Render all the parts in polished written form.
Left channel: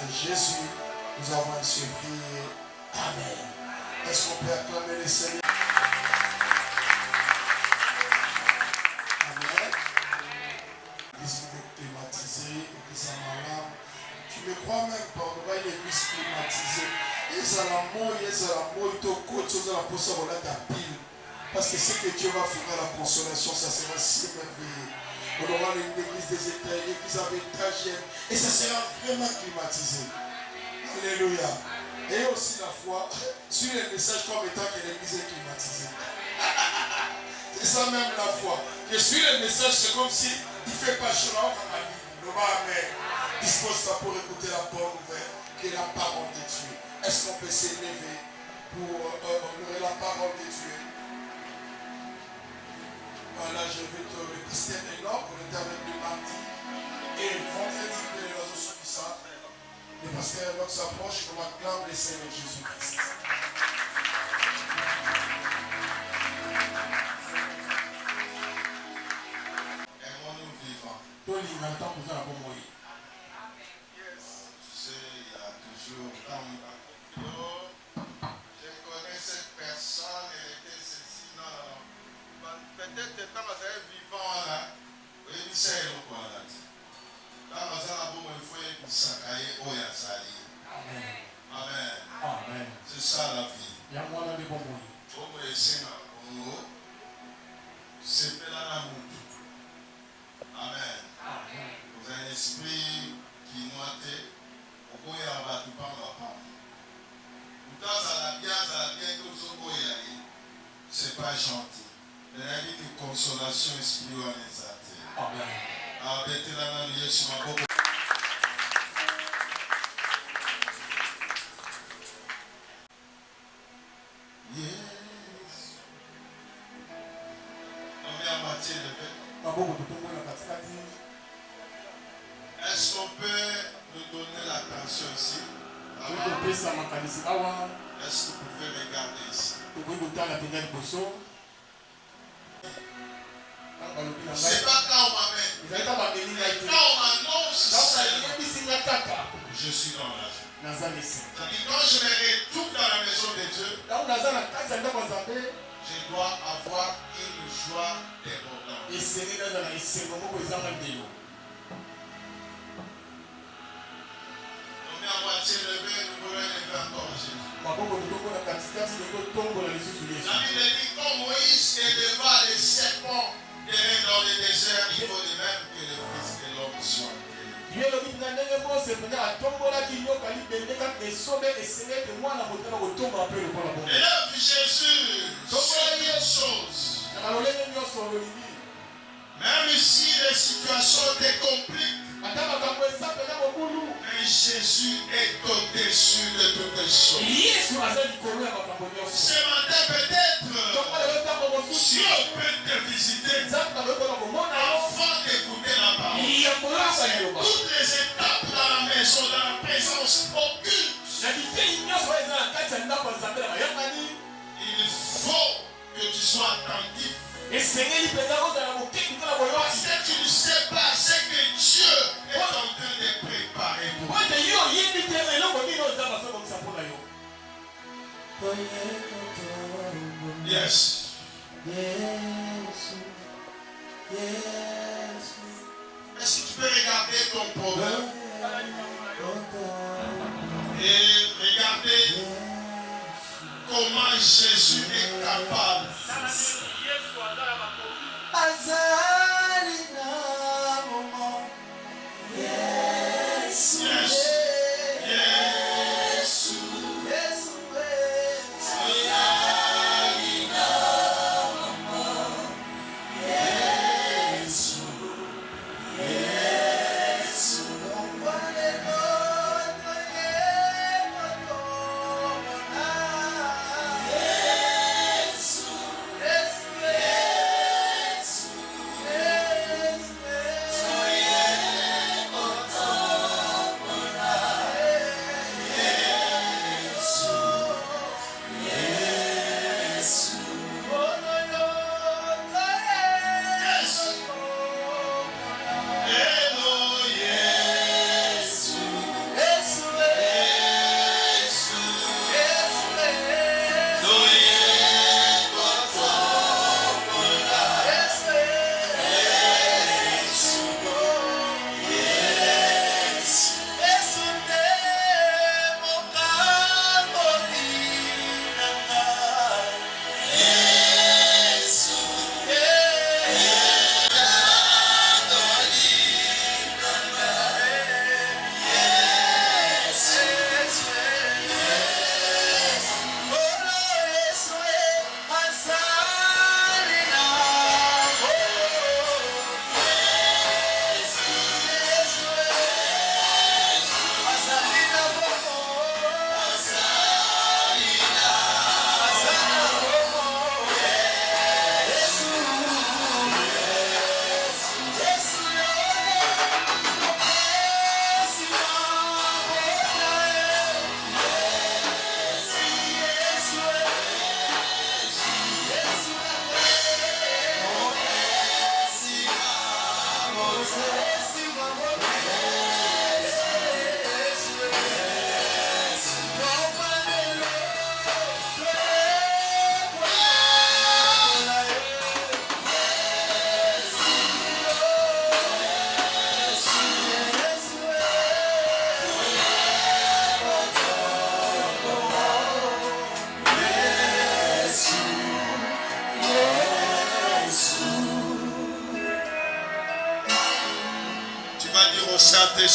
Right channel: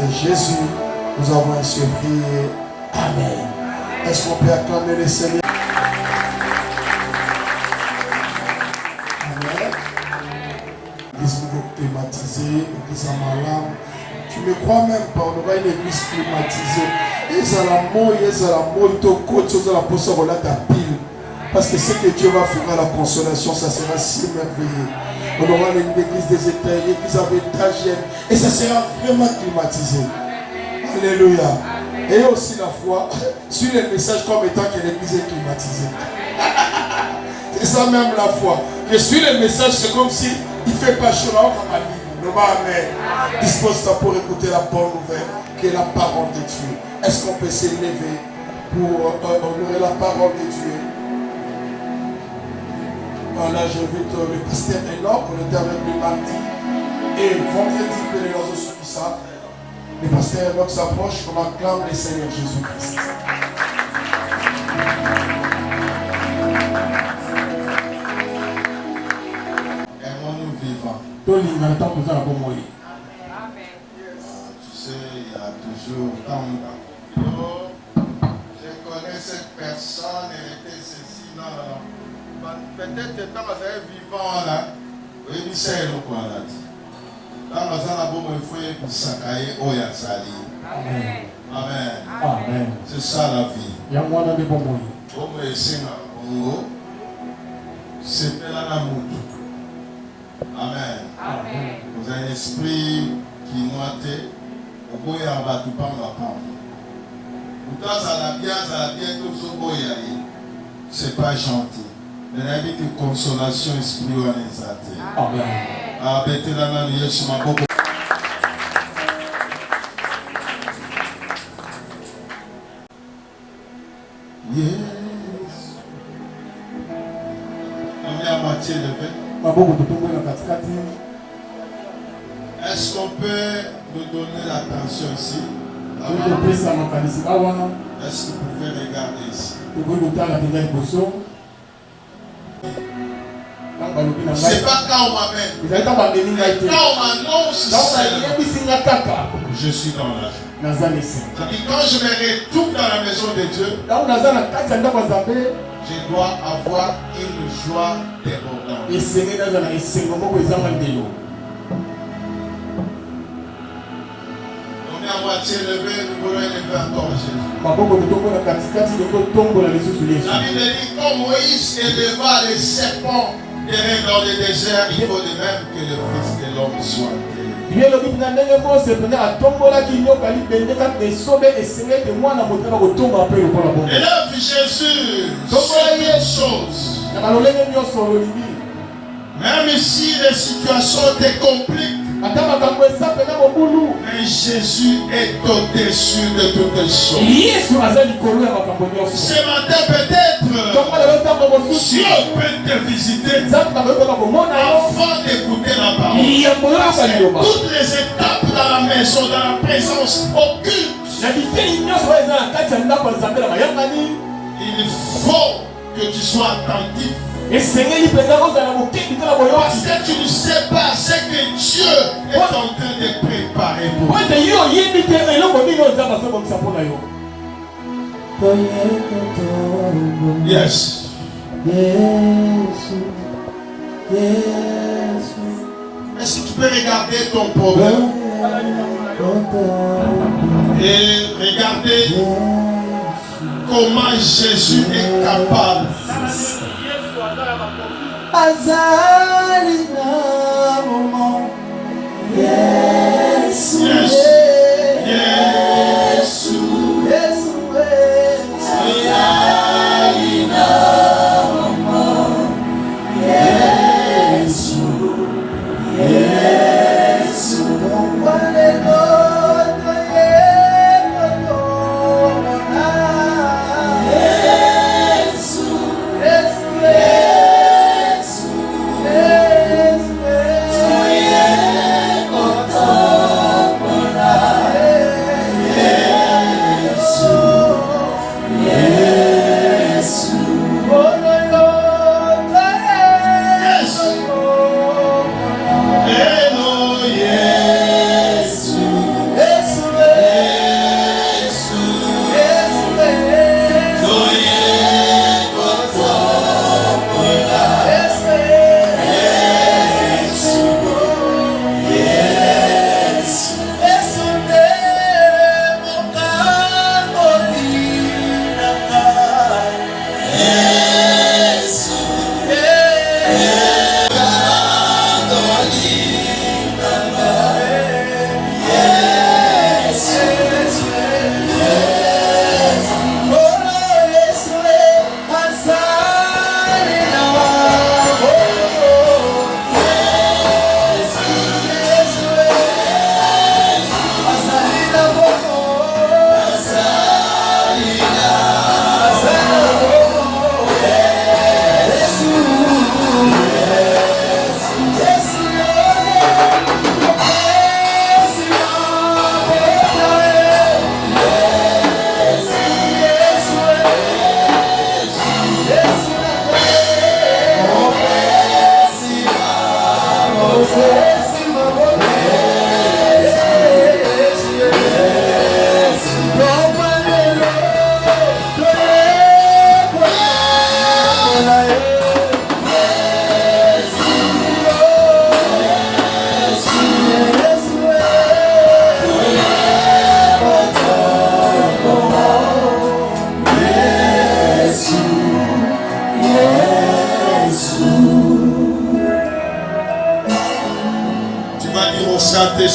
de Jésus, nous avons ainsi prié. Amen. Est-ce qu'on peut acclamer le Seigneur? Amen. L'église climatisée, l'église à Malam. Tu ne me crois même pas, on aura une église climatisée. Ils ont la mort, ils ont côté, ils ont la poisson, on a ta pile. Parce que ce que Dieu va faire à la consolation, ça sera si merveilleux. On aura une église des étages, une église avec étagère. Et ça sera vraiment climatisé. Alléluia. Et aussi la foi sur les messages comme étant que l'église est climatisée. C'est ça même la foi. Je suis les messages, c'est comme si il ne fait pas chaud là, comme à l'île. Amen. Dispose-toi pour écouter la bonne nouvelle, qui est la parole de Dieu. Est-ce qu'on peut s'élever pour honorer la parole de Dieu? Voilà, j'invite le pasteur Enoch, on était avec le mardi. Et vendredi, les réseaux sur ça. Le pasteur Enoch s'approche, on acclame le Seigneur Jésus-Christ. Aimons-nous vivants. Tu sais, il y a toujours tant. Je connais cette personne, elle était ceci, non. Peut-être tant que c'est vivant là, oui, c'est le quoi là. Tant que ça n'a pas il faut pour s'accailler au Yazali. Amen. Amen. Amen. C'est ça la vie. Yamwana de Bomoy. Comme les signes en Congo, c'est plein la moutou. Amen. Amen. Vous avez un esprit qui noite, au bout il y a un bateau pas ma part. Pourtant, ça l'a bien, tout ce beau y aller. C'est pas gentil. Mais la vie de consolation spirituelle. Amen. Ah, bête la main, il y a sur ma boque. Yes. On est à moitié levé. Est-ce qu'on peut nous donner l'attention ici? Est-ce que vous pouvez regarder ici? C'est pas quand on m'amène. Quand on m'annonce je suis dans la joie. Quand je me retrouve dans la maison de Dieu, je dois avoir une joie débordante. On est à moitié levé, nous voulons élever encore Jésus. La Bible dit quand Moïse éleva les serpents dans le désert, il faut de même que le Fils de l'homme soit élevé. Élève Jésus, c'est une chose. Même si les situations te compliquent, mais Jésus est au-dessus de toutes les choses. Ce matin peut-être, Dieu peut te visiter avant d'écouter la parole. Toutes les étapes dans la maison, dans la présence occulte, il faut que tu sois attentif. Parce que tu ne sais pas ce que Dieu est en train de préparer pour toi. Yes. Est-ce que tu peux regarder ton problème et regarder comment Jésus est capable? Yes. Yes.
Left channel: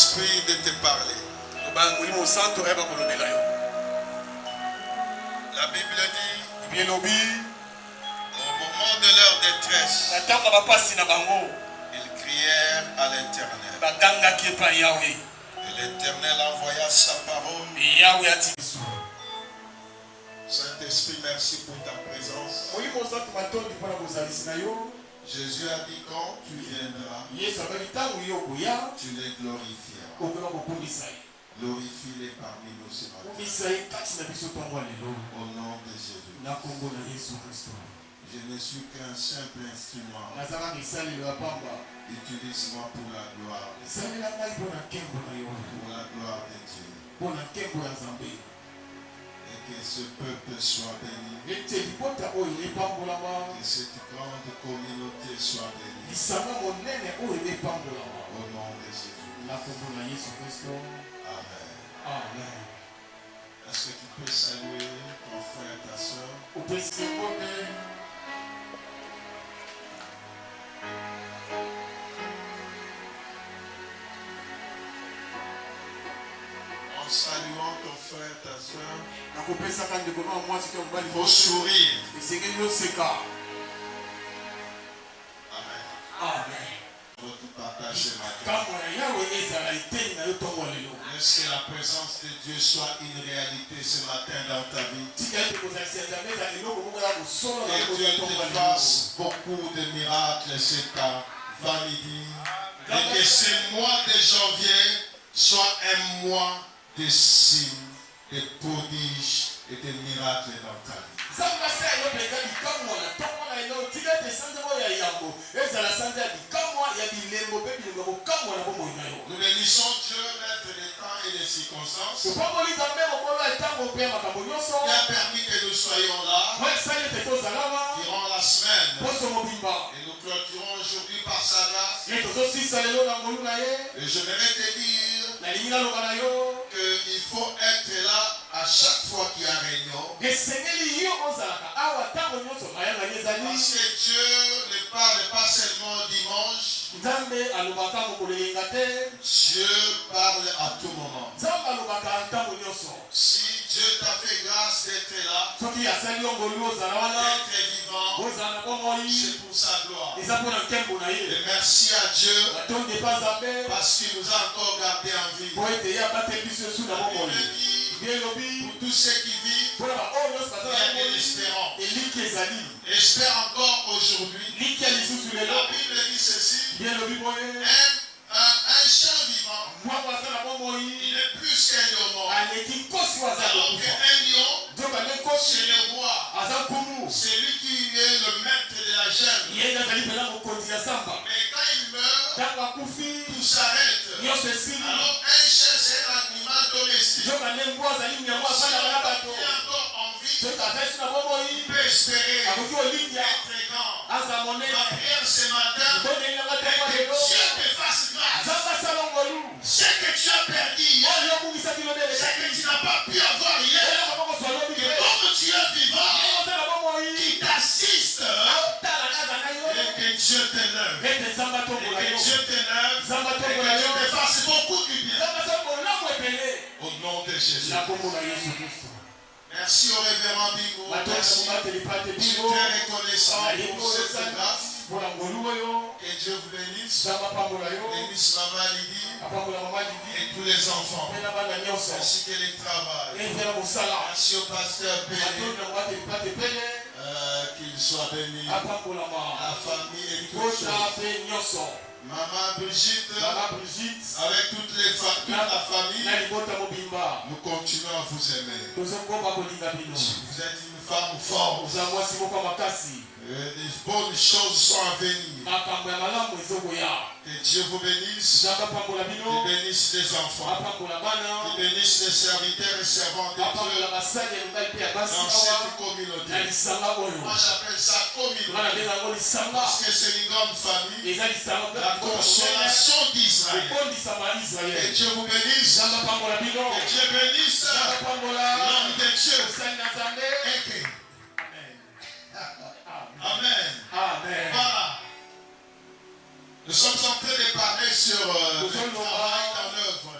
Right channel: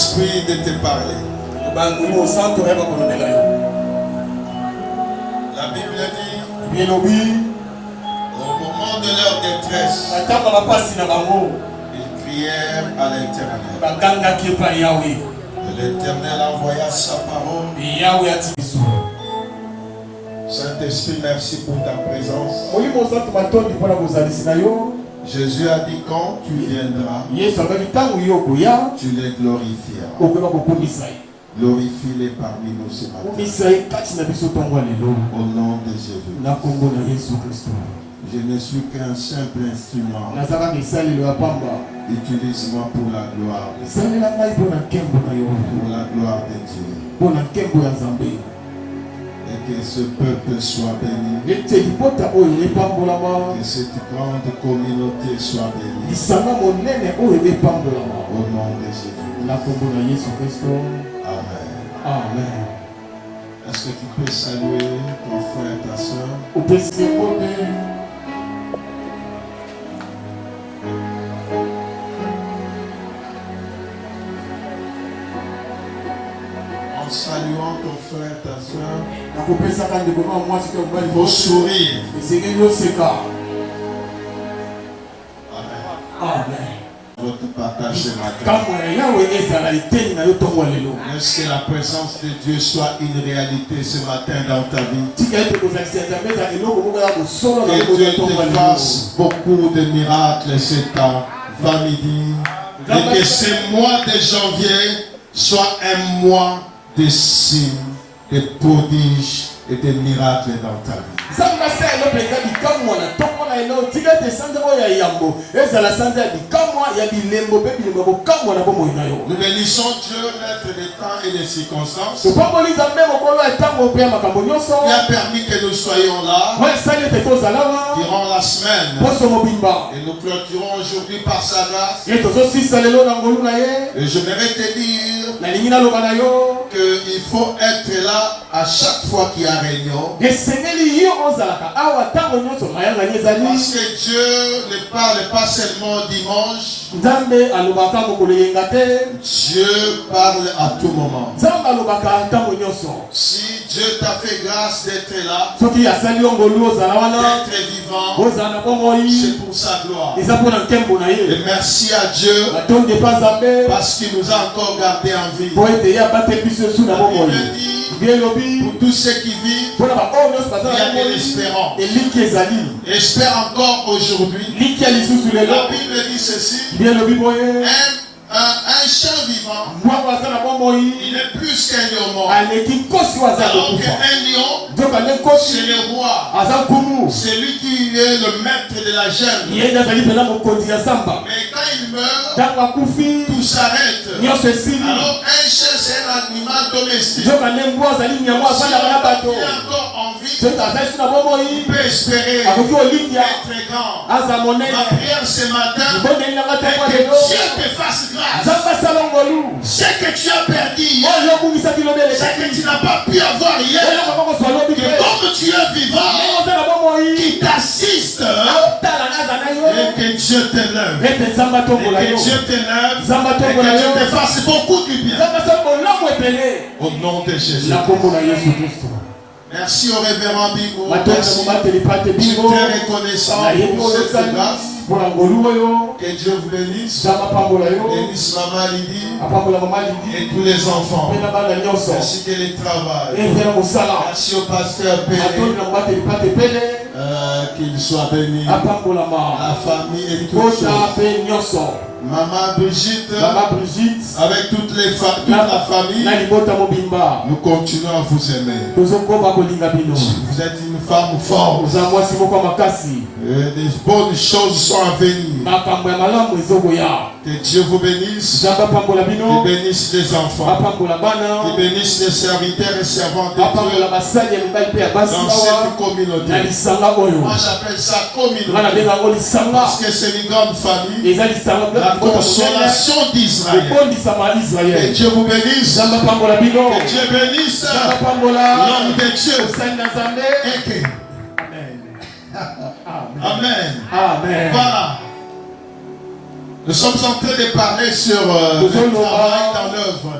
Saint-Esprit de te parler. La Bible dit, au moment de leur détresse, ils crièrent à l'Éternel. Et l'Éternel envoya sa parole. Saint-Esprit, merci pour ta présence. Jésus a dit quand tu viendras, tu les glorifieras. Glorifie-les parmi nous ce matin. Au nom de Jésus. Je ne suis qu'un simple instrument. Utilise-moi pour la gloire de Dieu. Et que ce peuple soit béni. Que cette grande communauté soit bénie. Au nom de Jésus. Amen. Est-ce que tu peux saluer ton frère et ta soeur? En saluant ton frère et ta soeur, il faut sourire. Amen. Votre partage ce matin. Est-ce que la présence de Dieu soit une réalité ce matin dans ta vie? Que Dieu te fasse beaucoup de miracles cet avant-midi. Et que ce mois de janvier soit un mois de signes, de prodiges et de miracles dans ta vie. Nous bénissons Dieu, maître des temps et des circonstances, qui a permis que nous soyons là durant la semaine. Et nous clôturons aujourd'hui par sa grâce. Et j'aimerais te dire qu'il faut être là à chaque fois qu'il y a réunion. Parce que Dieu ne parle pas seulement dimanche. Dieu parle à tout moment. Si Dieu t'a fait grâce d'être là, d'être vivant, c'est pour sa gloire. Et merci à Dieu parce qu'il nous a encore gardé en vie. Pour tous ceux qui vivent, il y a de l'espérance. Espère encore aujourd'hui. La Bible dit ceci. Un chien vivant, il est plus qu'un lion mort. Alors qu'un lion, c'est le roi. C'est lui qui est le maître de la jungle. Mais quand il meurt, tout s'arrête. Alors un chien, c'est un animal domestique. S'il a encore envie, il peut espérer être grand. Ma prière ce matin est que Dieu te fasse grâce. Ce que tu as perdu hier, ce que tu n'as pas pu avoir hier, que comme tu es vivant, qui t'assiste, et que Dieu t'élève, et que Dieu t'élève, et que Dieu te fasse beaucoup du bien. Au nom de Jésus. Merci au révérend Bingo. Merci. Je suis très reconnaissant pour cette grâce. Que Dieu vous bénisse. Bénisse Maman Lydie et tous les enfants. Ainsi que les travail. Merci au pasteur Pélé. Qu'il soit béni. La famille et toutes choses. Maman Brigitte, avec toute la famille, nous continuons à vous aimer. Vous êtes une femme forte. Des bonnes choses sont à venir. Que Dieu vous bénisse. Il bénisse les enfants. Il bénisse les serviteurs et servantes de Dieu dans cette communauté. Moi j'appelle ça communauté parce que c'est une grande famille. La consolation d'Israël. Que Dieu vous bénisse. Que Dieu bénisse l'homme de Dieu. Amen. Amen. Voilà. Nous sommes en train de parler sur le travail dans l'œuvre.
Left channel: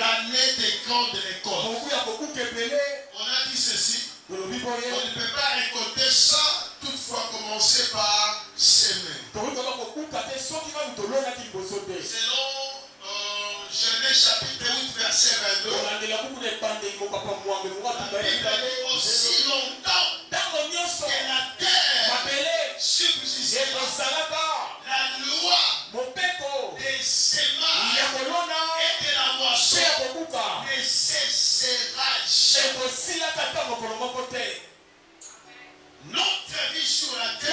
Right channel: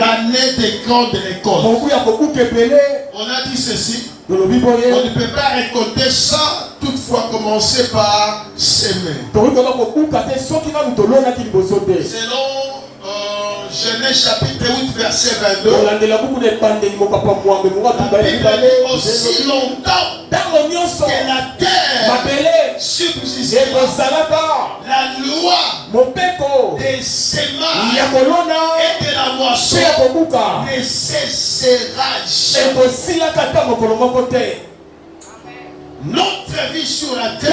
L'année des grandes récoltes. On a dit ceci. On ne peut pas récolter sans toutefois commencer par s'aimer. Selon Genèse chapitre 8 verset 22. La Bible dit aussi longtemps que la terre subsistera. La loi des semailles et de la moisson ne cessera jamais. Notre vie sur la terre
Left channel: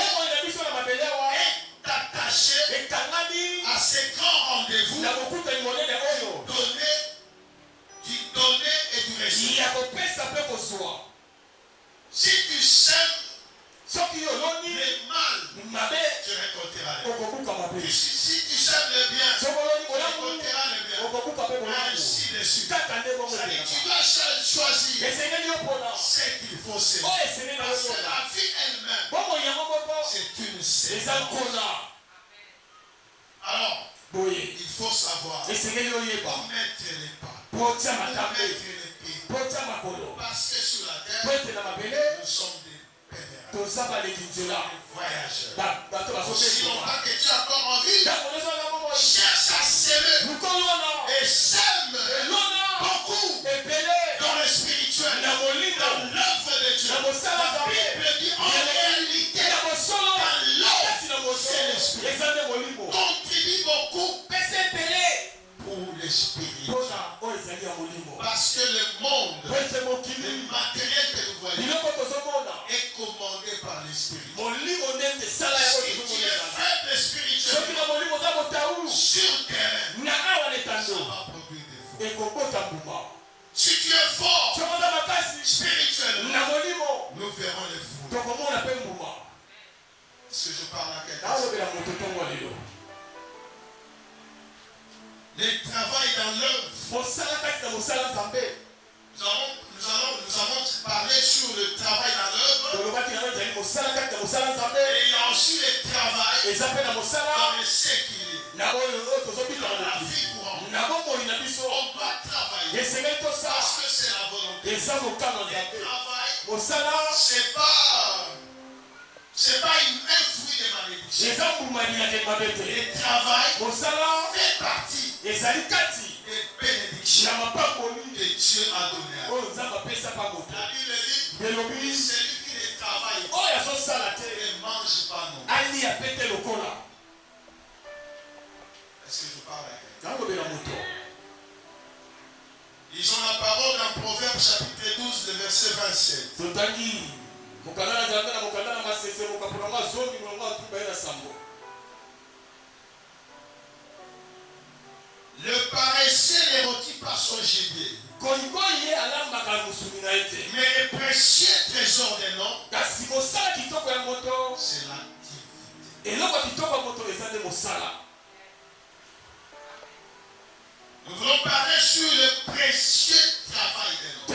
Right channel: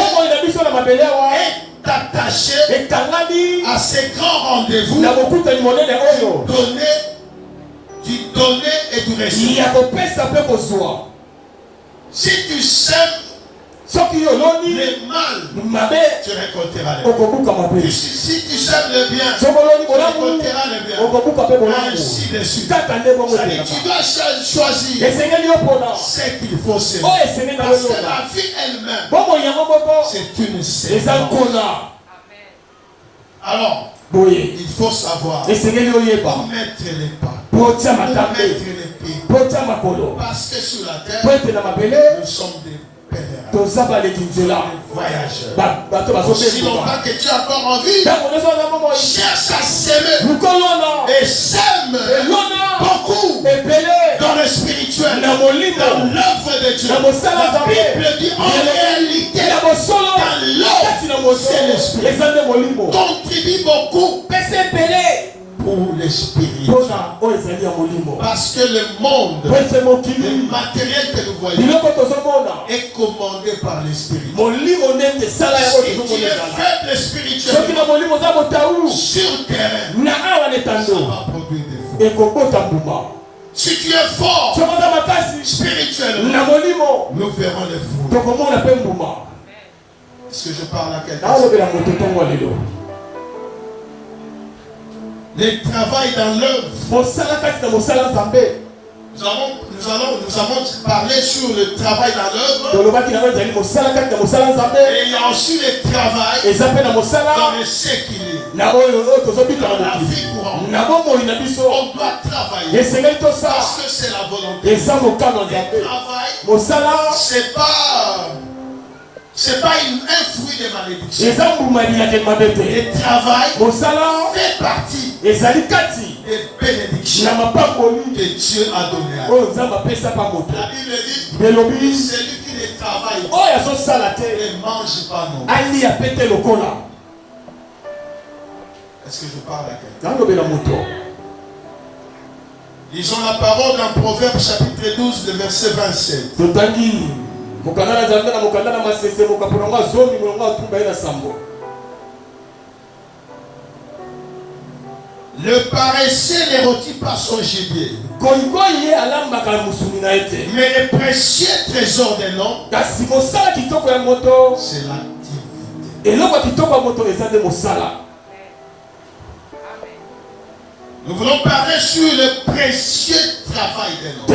est attachée à ces grands rendez-vous du donner et du recevoir. Si tu sèmes le mal, tu récolteras le bien. Si tu sèmes le bien, tu récolteras le bien. Ainsi de suite. Tu dois choisir ce qu'il faut s'aimer. Parce que la vie elle-même, c'est une sémence. Alors, il faut savoir où mettre les pas, où mettre les pieds. Parce que sur la terre, nous sommes des voyageurs. Aussi longtemps que tu as encore envie, cherche à s'aimer et sème beaucoup dans le spirituel, dans l'œuvre de Dieu. La Bible dit en réalité, dans l'œuvre, c'est l'esprit. Contribue beaucoup pour l'esprit. Parce que le monde, le matériel que nous voyons, est commandé par l'esprit. Si tu es faible spirituellement, sur terrain, ça va produire des fruits. Si tu es fort spirituellement, nous verrons les fruits. Est-ce que je parle à quelqu'un? Le travail dans l'œuvre. Nous avons parlé sur le travail dans l'œuvre. Et il y a aussi le travail dans le séculier. Dans la vie courante. On doit travailler. Parce que c'est la volonté. Le travail, c'est pas un fruit de malédiction. Le travail fait partie des bénédictions que Dieu a données à nous. La Bible dit, celui qui ne travaille ne mange pas non. Est-ce que je parle à quelqu'un? Lisons la parole dans Proverbe chapitre 12, le verset 27. Le paresseux ne rôtit pas son gibier, mais le précieux trésor de l'homme, c'est l'activité. Nous voulons parler sur le précieux travail de l'homme.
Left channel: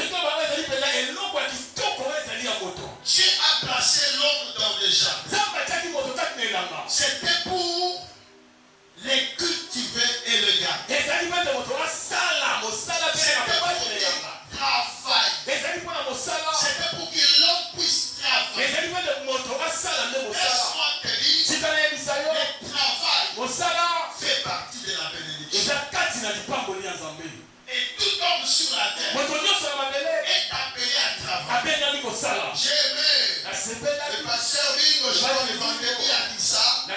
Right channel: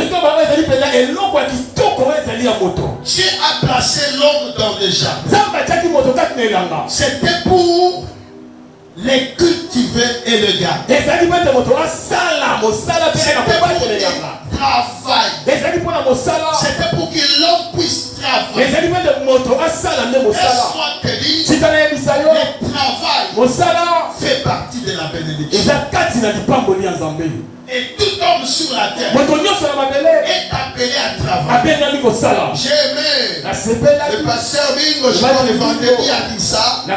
Dieu a placé l'homme dans le jardin. C'était pour les cultiver et le garder. C'était pour travailler. C'était pour que l'homme puisse travailler. Laisse-moi te dire, le travail fait partie de la bénédiction. Et tout homme sur la terre est appelé à travailler. J'ai aimé le pasteur Bingo, je crois le vendredi a dit ça. Dieu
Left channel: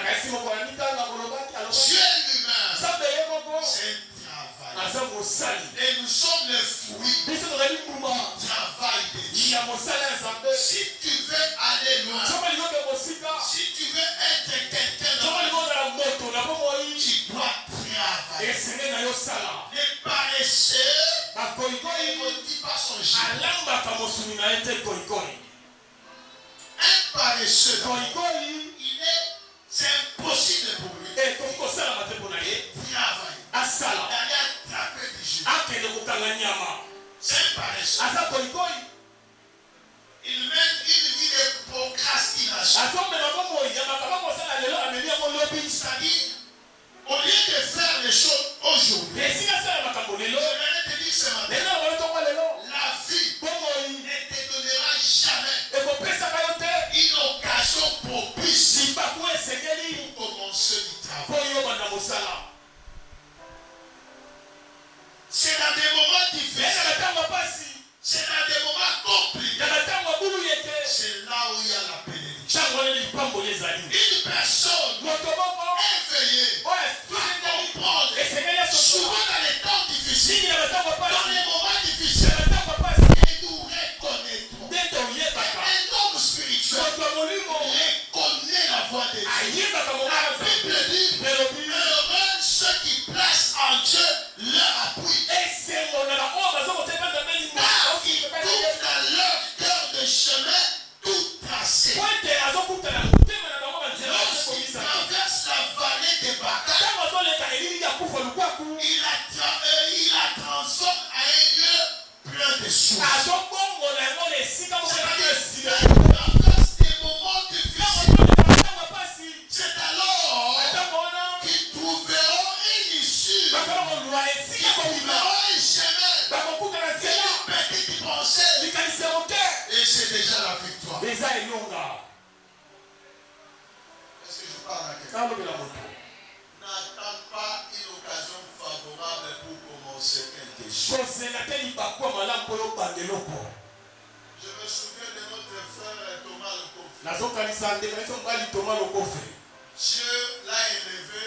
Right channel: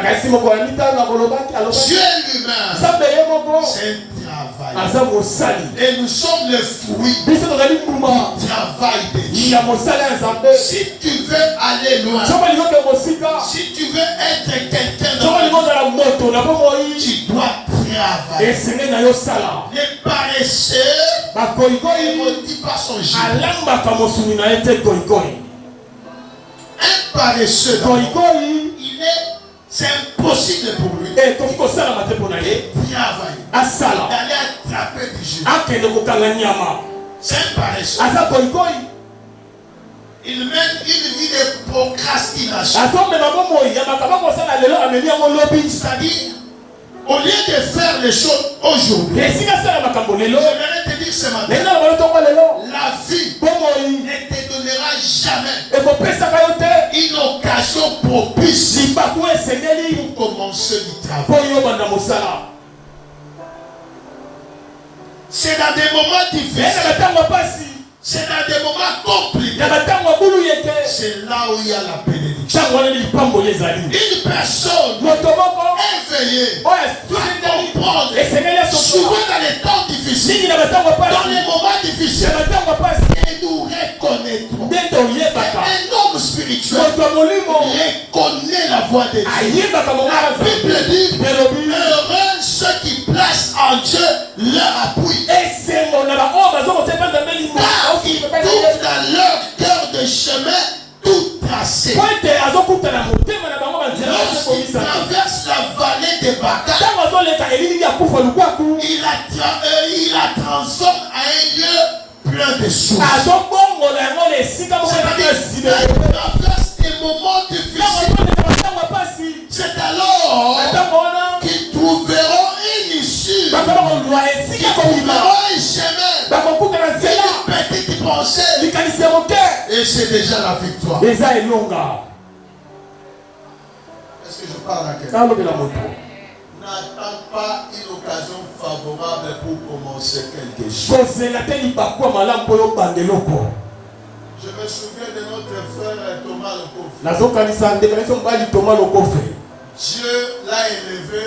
lui-même, c'est un travail. Et nous sommes le fruit du travail de Dieu. Si tu veux aller loin, si tu veux être quelqu'un dans la vie, tu dois travailler. Les paresseux ne rôtit pas son gibier. Un paresseux, c'est impossible pour lui de travailler, d'aller attraper du gibier. C'est un paresseux. Il mène une vie de procrastination. C'est-à-dire, au lieu de faire les choses aujourd'hui, j'aimerais te dire ce matin, la vie ne te donnera jamais une occasion propice pour commencer du travail. C'est dans des moments difficiles. C'est dans des moments compliqués. C'est là où il y a la bénédiction. Une personne éveillée va comprendre. Souvent dans les temps difficiles, dans les moments difficiles, et nous reconnaîtrons. Un homme spirituel reconnaît la voix de Dieu. La Bible dit, heureux ceux qui placent en Dieu leur appui. Ils trouvent dans leur cœur de chemin tout tracé. Lorsqu'ils traversent la vallée des Baca, il la transforme à un lieu plein de sources. C'est-à-dire, ils traversent des moments difficiles. C'est alors qu'ils trouveront une issue. Qu'ils trouveront un chemin. Une petite pensée. Et c'est déjà la victoire. Est-ce que je parle à quelqu'un? N'attends pas une occasion favorable pour commencer quelque chose. Je me souviens de notre frère Thomas Lokofi. Dieu l'a élevé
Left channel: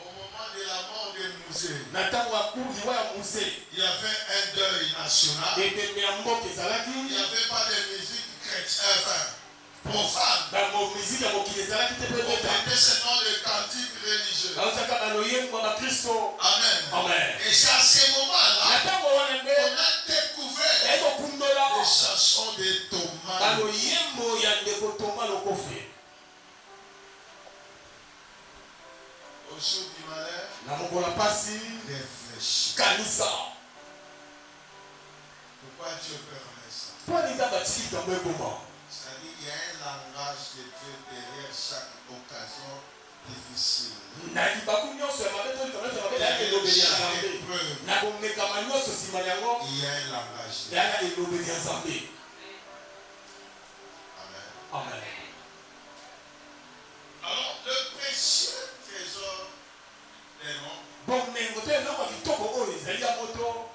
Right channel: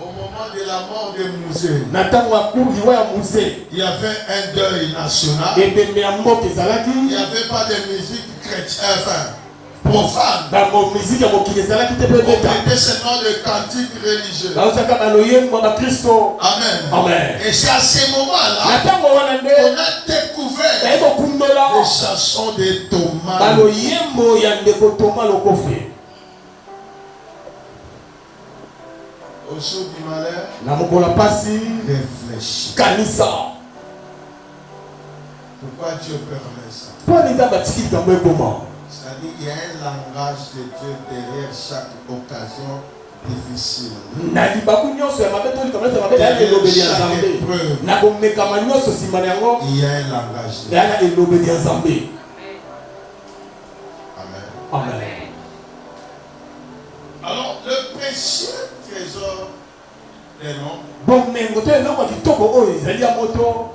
au moment de la mort de Mouzé. Il y avait un deuil national. Il n'y avait pas de musique chrétienne, profane. On mettait seulement le cantique religieux. Amen. Et c'est à ce moment-là qu'on a découvert les chansons de Thomas. Au jour du malheur, réfléchis. Pourquoi Dieu permet ça? C'est-à-dire qu'il y a un langage de Dieu derrière chaque occasion difficile. Derrière chaque épreuve, il y a un langage de Dieu. Amen. Alors, le précieux trésor des noms,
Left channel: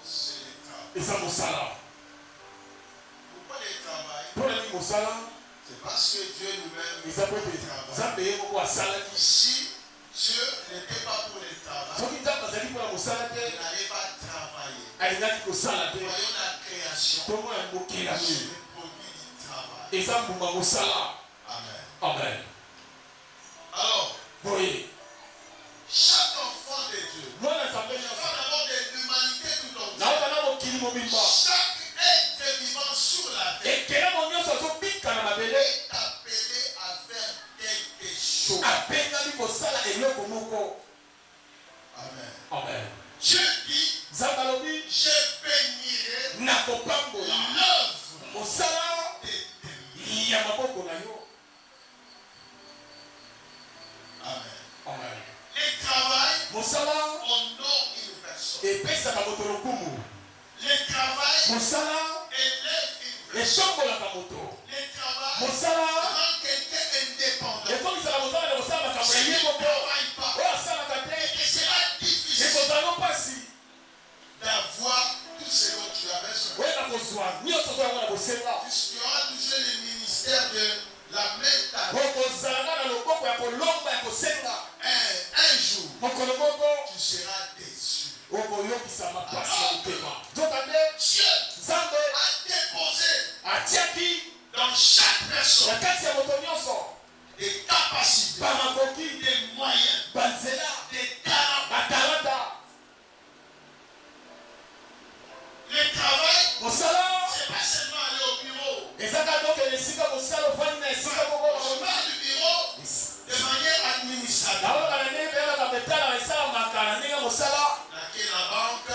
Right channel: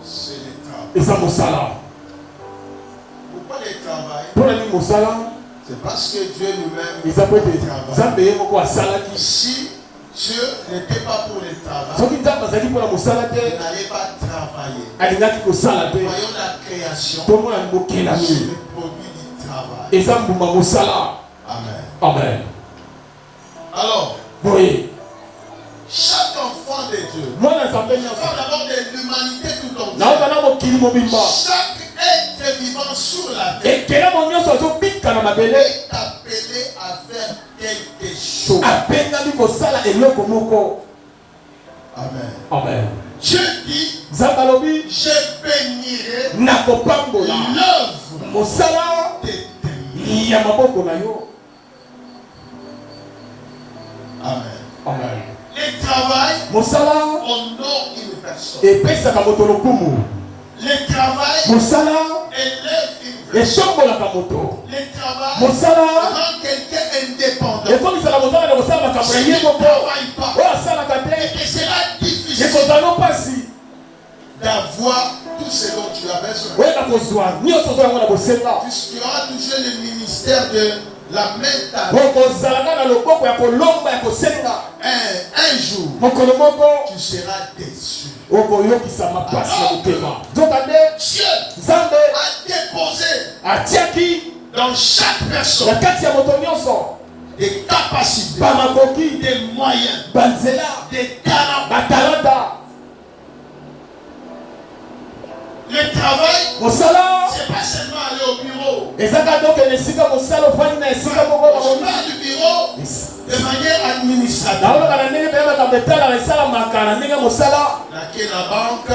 c'est le travail. Pourquoi le travail? C'est parce que Dieu lui-même travaille. Si Dieu n'était pas pour le travail, il n'allait pas travailler. Voyons la création, c'est le produit du travail. Amen. Alors, chaque enfant de Dieu, on parle d'abord de l'humanité tout entière. Chaque être vivant sur la terre est appelé à faire quelque chose. Amen. Dieu dit, je bénirai l'œuvre de tes mains. Amen. Le travail honore une personne. Le travail élève une personne. Le travail rend quelqu'un indépendant. Si tu ne travailles pas, il sera difficile d'avoir tout ce dont tu as besoin. Tu auras toujours le ministère de la main tendue. Un jour, tu seras déçu. Dieu a déposé dans chaque personne des capacités, des moyens, des talents. Le travail, c'est pas seulement aller au bureau. Je parle du bureau de manière administrative. Laquelle la banque,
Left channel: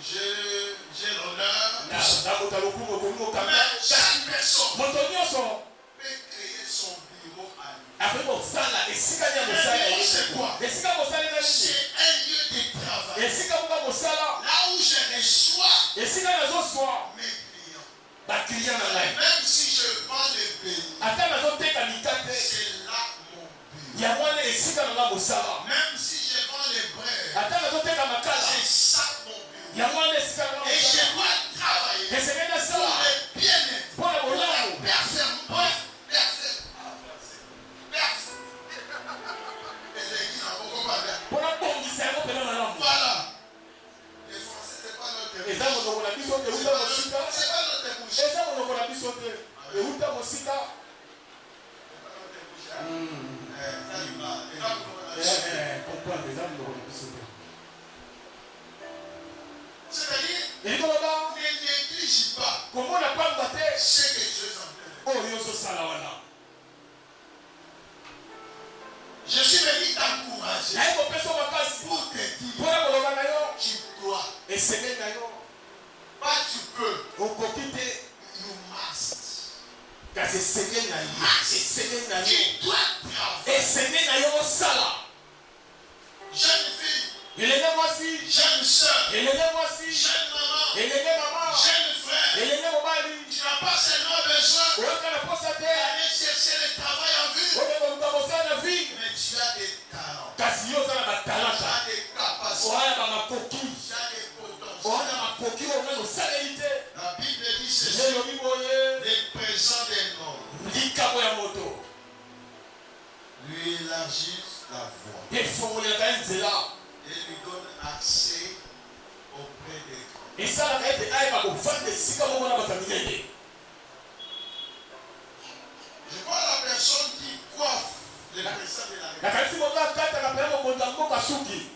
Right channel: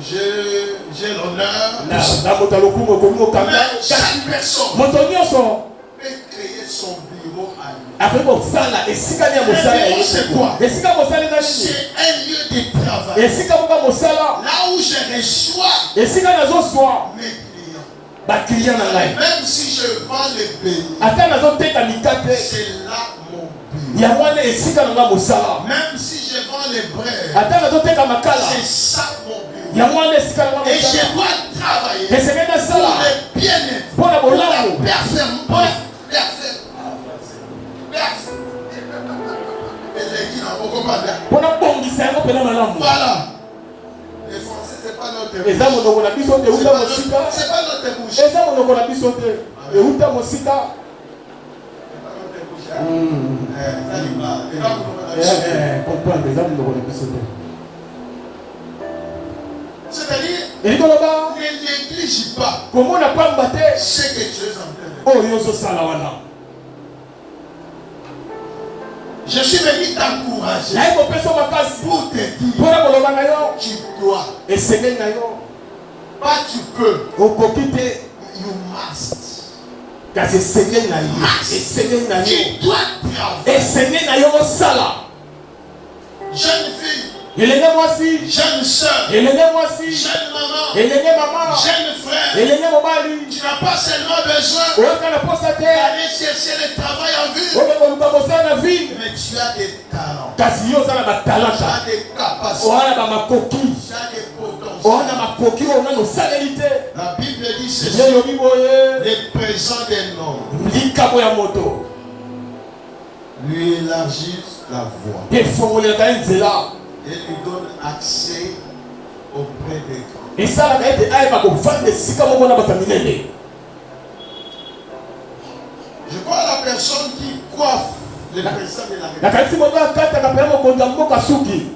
j'ai l'honneur. Na mota lokumu komo Mais kanga. chaque personne Moto nyonso. peut créer son bureau à lui. Après mosala esika ni mosala bureau, c'est quoi? esika mosala na nini C'est un lieu de travail. esika moka mosala Là où je reçois esika nazoswa mes clients. baklient na ngai Même si je vends les bénis, ata nazoteka mikate c'est là mon bureau. ya wana esika na nga mosala Même si je vends les braids, ata nazoteka makala c'est ça mon bureau. ya wana esika na nga Et je mosala dois travailler esenge pour nasala le bien-être, mpo na pour la bolamu personne. Pour la- mpo na bongisa yango mpena malamu Voilà. Les Français, c'est pas notre eza monoko na biso te C'est euta pas mosika notre- c'est pas notre bouche. eza monoko na biso te euta mosika comprendre eza monoko na biso te C'est-à-dire, elingi koloba ne néglige pas komona pamba te ce que tu es en train de faire. oyo ozosala wana Je suis venu t'encourager naye kopesa makasi pour te dire mpona koloba na yo tu dois, esengeli na yo pas tu peux, okoki te you must. kasi esengeli na yo esengeli na yo Tu dois travailler. esengeli na yo osala Jeune fille, elenge mwasi jeune soeur, elenge mwasi jeune maman, elenge mama jeune frère, elenge mobali tu n'as pas seulement besoin oyoka na posa te d'aller chercher le travail en ville, oke koluka mosala na ville mais tu as des talents, kasi yo oza na tu batalanta as des capacités, oza na bamakoki tu as des oza na potentiels. makoki oyo nano osaleli te La Bible dit ceci, elobi boye les présents des noms likambo ya moto lui élargissent la voie efongolelaka ye nzela et lui donnent accès auprès des grands. esalaka ete ayeba kovanda esika moko na bato ya minene Je vois la personne qui coiffe le président de la République. nakanisi moto akataka mpena mokonzi ya mboka suki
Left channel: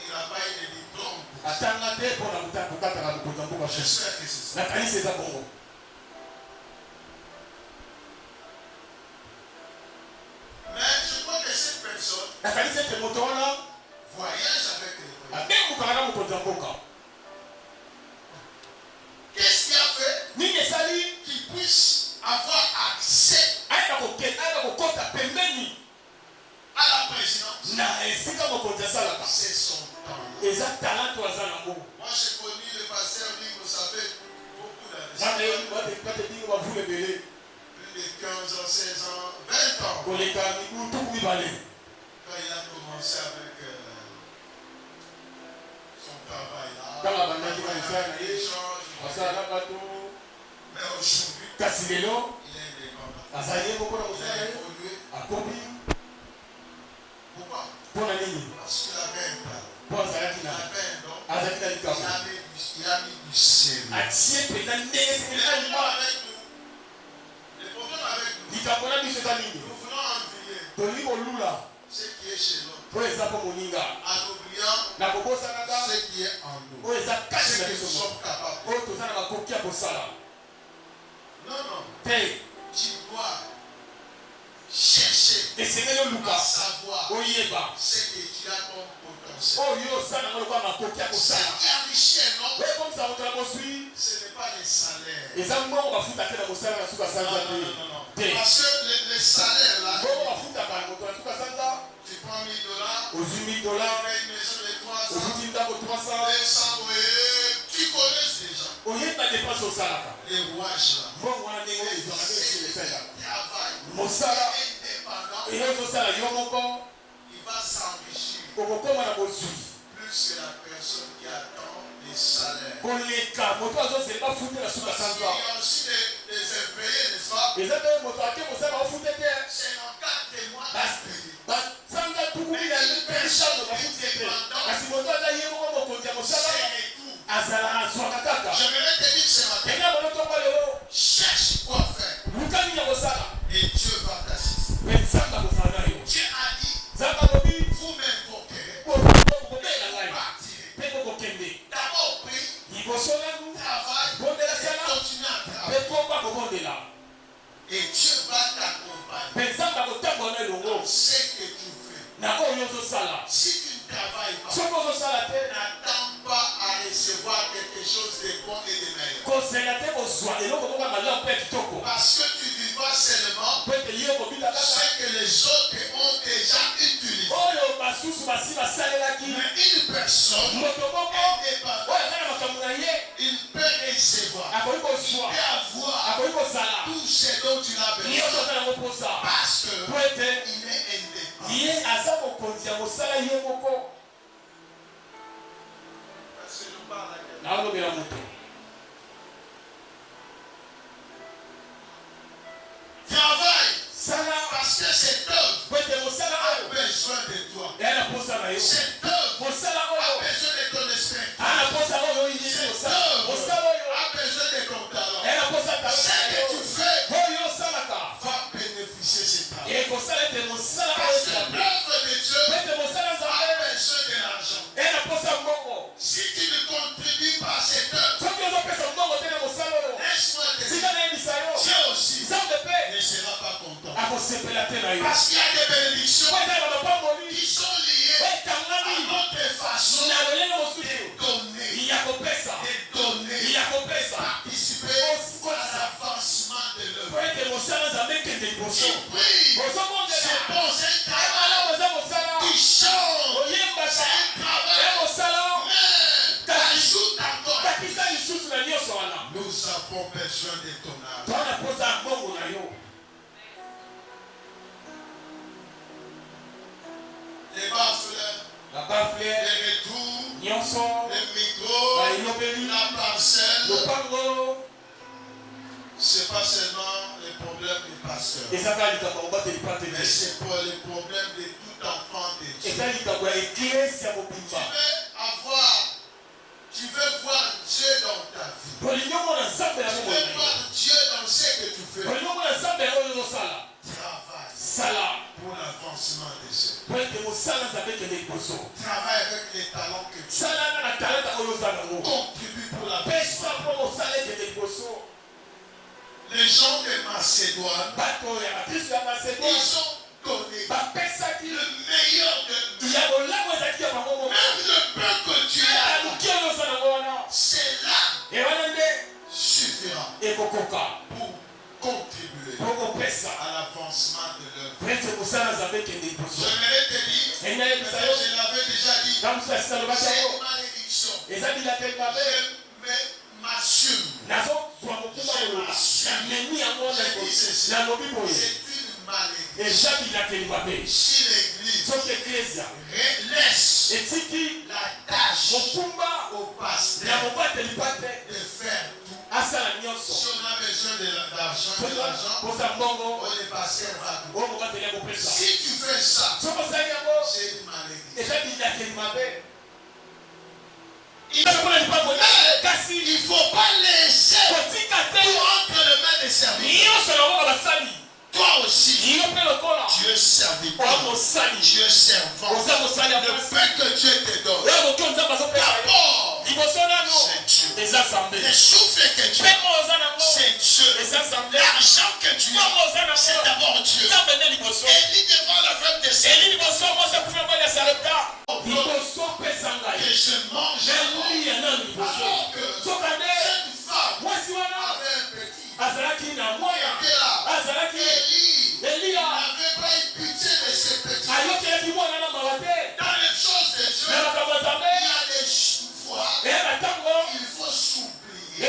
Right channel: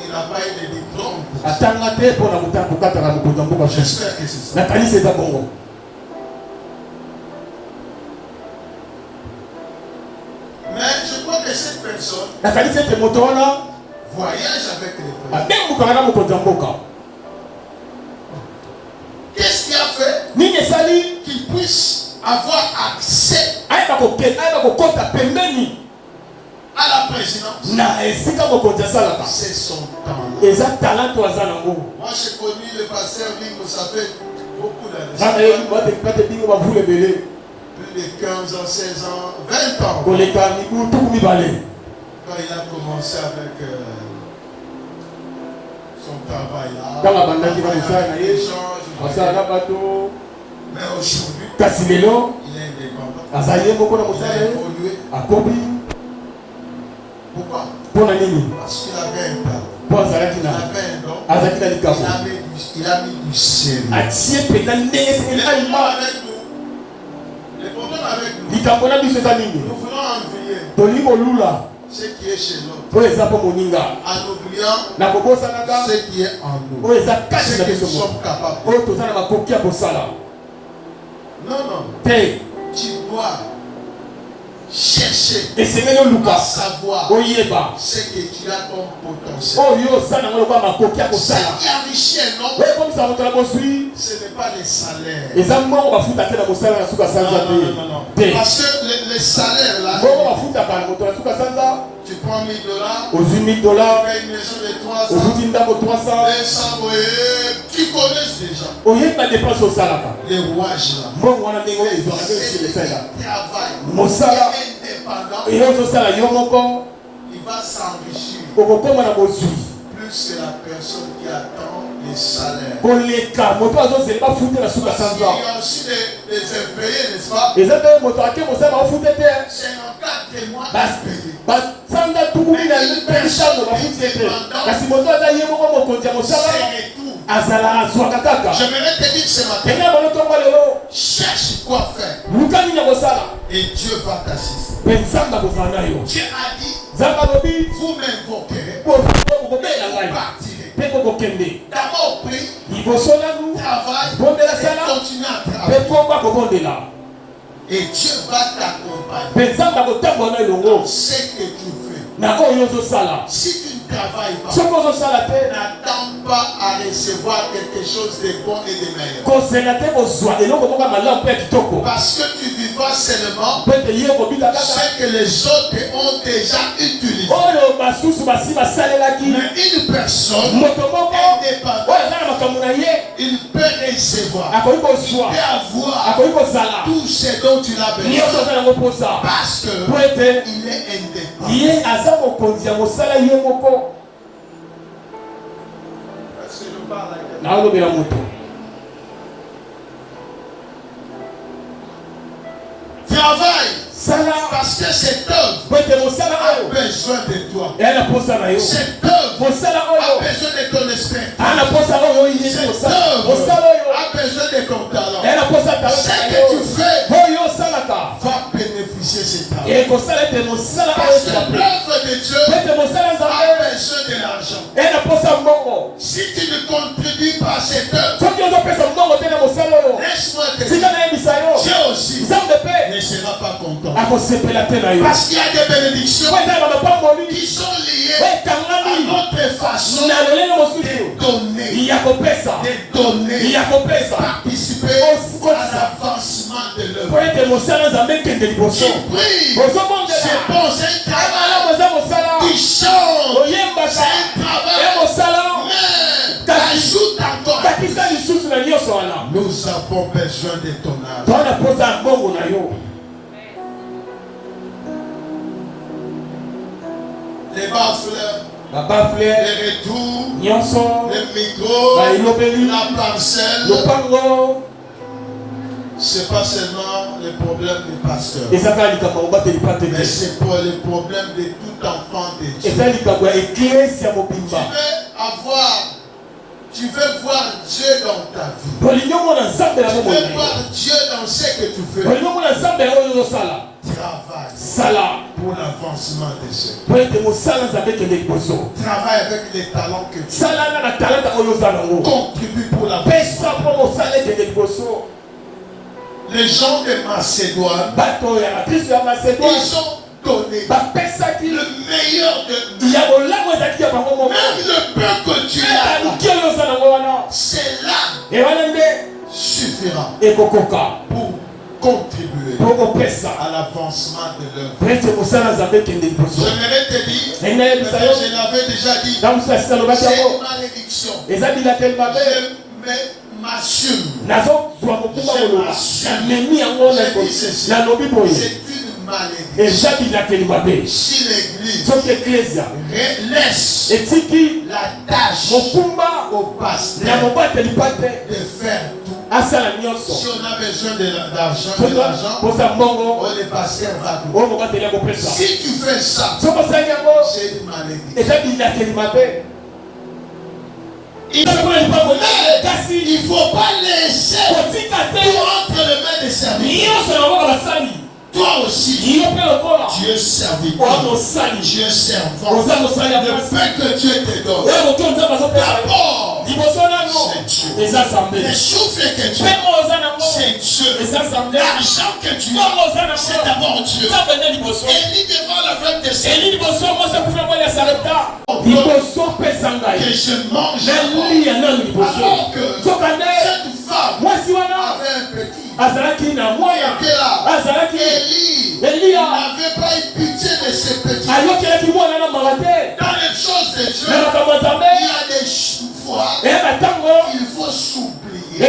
Il n'a pas eu de diplôme. atanga te mpo na kokataka mokonzi ya mboka suki J'espère que c'est ça. nakanisi eza bongo Mais je crois que cette personne nakanisi ete moto wana voyage avec le président. abengukaka na mokonzi ya mboka Qu'est-ce qui a fait nini esali qu'il puisse avoir accès ayeba kokota pembeni à la présidence? na esika mokonzi asalaka C'est son temps. eza talento aza nango Moi, j'ai connu le pasteur Bingo, ça fait beaucoup wana d'années. yebi batekate bingo bavula ebele Plus de 15 ans, 16 ans, 20 ans. koleka mibu tuku mibale Quand il a commencé avec son travail là. ntango abandaki na mosala na ye Échange, asala na bato mais aujourd'hui, kasi lelo il est indépendant. azali ye moko na Il mosala a ye évolué. akobi Pourquoi? mpo na nini Parce qu'il avait un talent. mpo azalaki Il na avait un don. azalaki na likambo Il a mis du sérieux. atie mpenza ndenge Le esengeli problème alima avec nous, le problème avec nous, likambo na biso eza nini nous voulons envier tolingi kolula ce qui est chez l'autre oyo eza mpo moninga en oubliant na kobosanaka ce qui est en nous. oyo eza kati Ce na que biso nous moko sommes capables de. oyo toza na makoki ya kosala Non, non. te Tu dois chercher esengeli à oluka savoir oyeba ce que tu as comme potentiel. oyo oza nango lokola makoki ya Ce kosala qui enrichit un homme, oyo ekomisa moto na boswi ce n'est pas les salaires. eza mbongo bafutaka na mosala na suka Non, sanza non, non, non, non. te Parce que les salaires là, mbongo bafutaka na moto na suka sanza tu prends $1000, ozwi $1000 tu payes une maison de 300, ozuti ndako 300 200, oui, tu connais déjà oyeba dépense osalaka les rouages là. mbongo wana ndenge oyo ezwaka nde C'est le esila travail. mosala Indépendant, eyo ozosala yo moko il va s'enrichir okokoma na bozwi plus que la personne qui attend les salaires. koleka moto azozela bafute na suka Parce qu'il sanza y a aussi des impayés, n'est-ce pas? eza te moto ake mosala bafute te C'est en 4 mois Bas- impayés. basanza tuku minano bafuti ete kasi moto aza ye moko mokonzi ya mosala C'est tout. azala azwaka kaka J'aimerais te dire ce matin, ena balotongo lelo cherche quoi faire luka nini ya kosala et Dieu va t'assister. mpe nzambe akozala na yo Dieu a dit, nzambe alobi vous m'invoquerez, kokobela vous ngai partirez. mpe kokokende D'abord prie, liboso nanu travaille bondela et sala continue à mpe travailler. komba kobondela Et Dieu va t'accompagner mpe nzambe akotambola na elongo dans ce que tu fais. na oyo ozosala Si tu ne travailles pas, soki ozosala te n'attends pas à recevoir quelque chose de bon et de meilleur. Parce que tu vivras seulement ce que les autres ont déjà utilisé. Mais une personne indépendante, il peut recevoir, il peut avoir tout ce dont il a besoin. Parce qu'il est indépendant. Est-ce que je parle à quelqu'un? Travaille. Parce que cette œuvre a besoin de toi. Cette œuvre a besoin de ton esprit. Cette œuvre a besoin de ton talent. Ce que tu fais va bénéficier cet talent. Parce que l'œuvre de Dieu a besoin de l'argent. Si tu ne contribues pas à cette œuvre, laisse-moi te dire, Dieu aussi ne sera pas content. Parce qu'il y a des bénédictions qui sont liées à notre façon de donner, participer à l'avancement de l'œuvre. Tu pries, c'est bon, c'est un travail. Tu chantes, c'est un travail. Mais ajoute encore. Nous avons besoin de ton argent. Les baffles, les retours, les micros, la parcelle. Ce n'est pas seulement le problème du pasteur, mais c'est pour le problème de tout enfant de Dieu. Tu veux voir Dieu dans ta vie. Tu veux voir Dieu dans ce que tu fais. Travaille pour l'avancement de ce. Travaille avec les talents que tu as. Contribue pour l'avancement. Les gens de Macédoine, ils ont donné le meilleur de nous. Même le peu que tu as, cela suffira pour contribuer à l'avancement de l'œuvre. J'aimerais te dire, mais je l'avais déjà dit, c'est une malédiction. Je m'assume. C'est une malédiction. Si l'Église laisse la tâche au pasteur de faire tout, si on a besoin d'argent, le pasteur va tout. Si tu fais ça, c'est une malédiction. Il ne faut pas laisser tout entre les mains des serviteurs. Toi aussi, tu es serviteur, tu es servant. Le fait que Dieu te donne, d'abord, c'est Dieu. Les souffles que tu as, c'est Dieu. L'argent que tu as, c'est d'abord Dieu. Élie devant la femme de Série, que je mange alors que cette femme avait un petit. Élie n'avait pas eu pitié de ses petits. Dans les choses de Dieu, il y a des fois il faut s'oublier et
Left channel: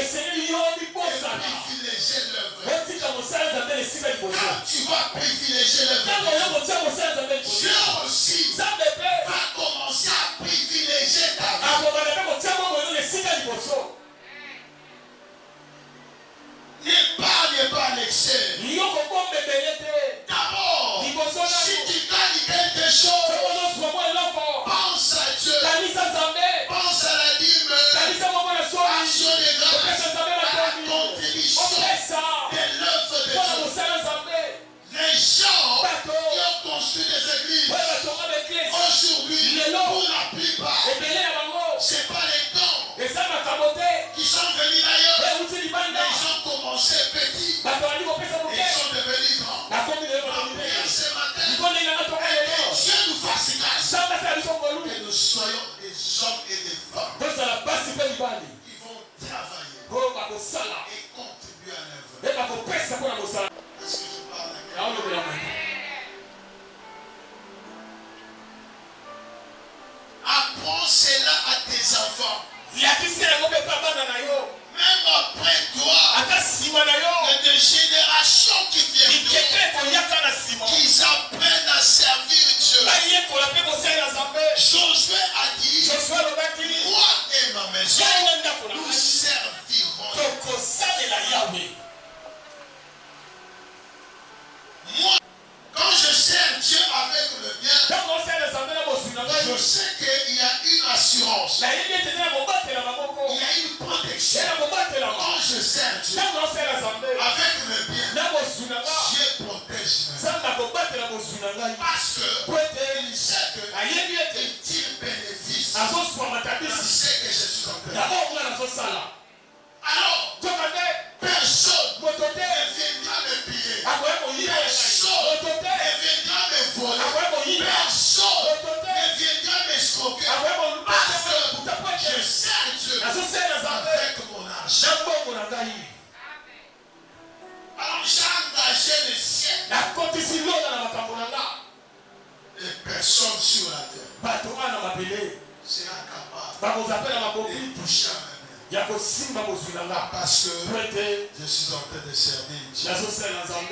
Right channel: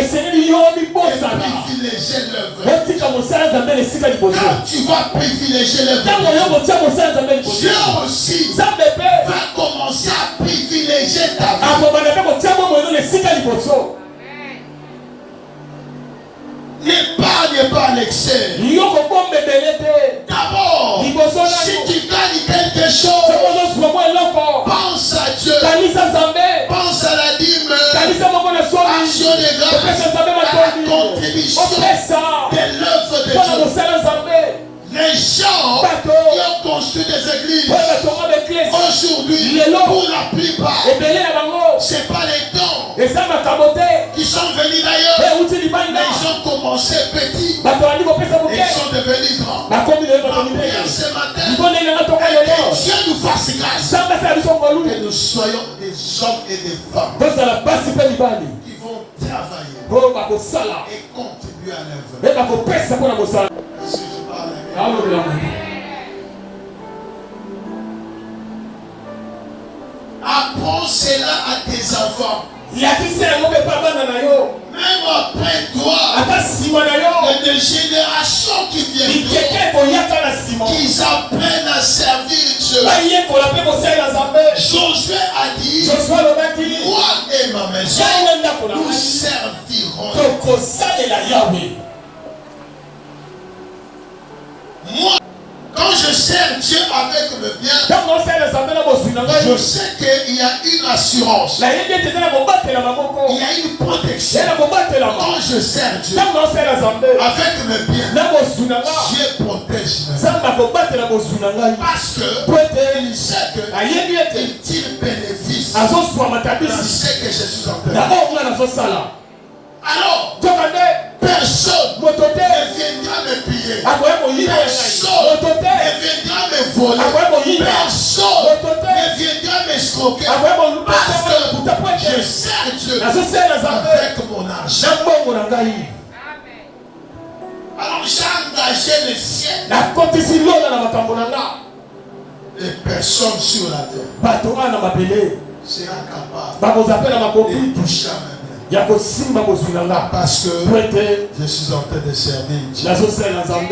privilégier l'œuvre. Quand tu vas privilégier l'œuvre, Dieu aussi va commencer à privilégier ta vie. N'épargne pas l'excès. D'abord, si tu gagnes quelque chose, pense à Dieu. Pense à la dîme, action de grâce, à la contribution de l'œuvre de Dieu. Les gens qui ont construit des églises aujourd'hui, pour la plupart, ce n'est pas les dons qui sont venus d'ailleurs, mais ils ont commencé petits et ils sont devenus grands. Ma prière ce matin est que Dieu nous fasse grâce, que nous soyons des hommes et des femmes Dans la base, il peut y aller. qui vont travailler Oh, bah, pour ça là. et contribuer à l'œuvre. Mais bah, pour faire ça pour la mossa. Est-ce que je parle avec Ah, oui, oui, oui. Apprends cela à tes enfants. Il y a qui sait, on ne peut pas battre na yo. Même après toi, Ata sima na yo. il y a des générations qui viennent, Ikeke koyaka na sima. qui apprennent à servir Dieu. Baye kola pe mosala na Nzambe. Josué a dit, Joshua lobaki. moi et ma maison, Yaina ndako na nous ngai. servirons. Tokosalela Yahweh. Moi, quand je sers Dieu avec le bien, Ntango osala Nzambe na bozwi na ngai. je sais qu'il y a une assurance, Nayebi ete eza na kobatela maboko. il y a une protection. Eza na kobatelama. Quand je sers Dieu Ntango osala Nzambe avec le bien, na bozwi na ngai. Dieu protège ma vie. Nzambe akobatela bozwi na ngai. Parce que Po ete il sait que ayebi ete il tire bénéfice azoswama dans tabisi ce que je suis en train de na faire. oyo nga nazosala. Alors, Joka nde personne moto te ne viendra me piller. akoya koyiba ngai. Personne Moto te ne viendra me voler. akoya koyiba. Personne Moto te ne viendra m'escroquer. akoya Parce koluta po que je ete sers Dieu nazosala Nzambe avec mon argent. na mbongo na ngai. Alors j'ai engagé les siens. Nakotisi lola na makambo na nga. Les personnes sur la terre Bato wana mabele seront capables bakozapela de makopi toucher à ma main. ya kosimba bozwi na nga. Parce Po que ete je suis en train de servir Dieu. nazosala na Nzambe.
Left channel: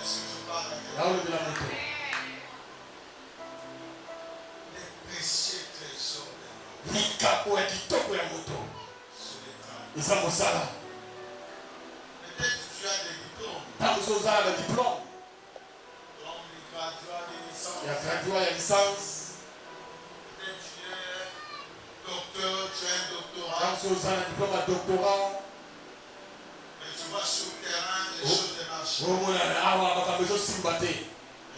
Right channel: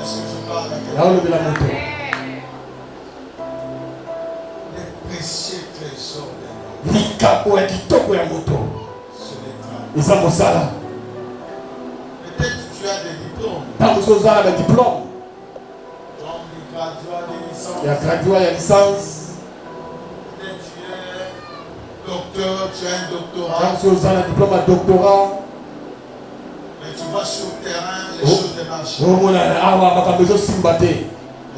Est-ce que je parle avec yaolobela moto les précieux trésors de l'homme likambo ya kitoko ya moto sur les travaux? eza mosala. Peut-être tu as des diplômes, Ntango so ozala badiplome comme des graduats, des licences. ya gradua ya licence. Peut-être tu es docteur, tu as un doctorat, Ntango so ozala diplome ya doctorat. mais tu vois sur le terrain, les choses ne marchent pas. omona awa makambo ezosimba te.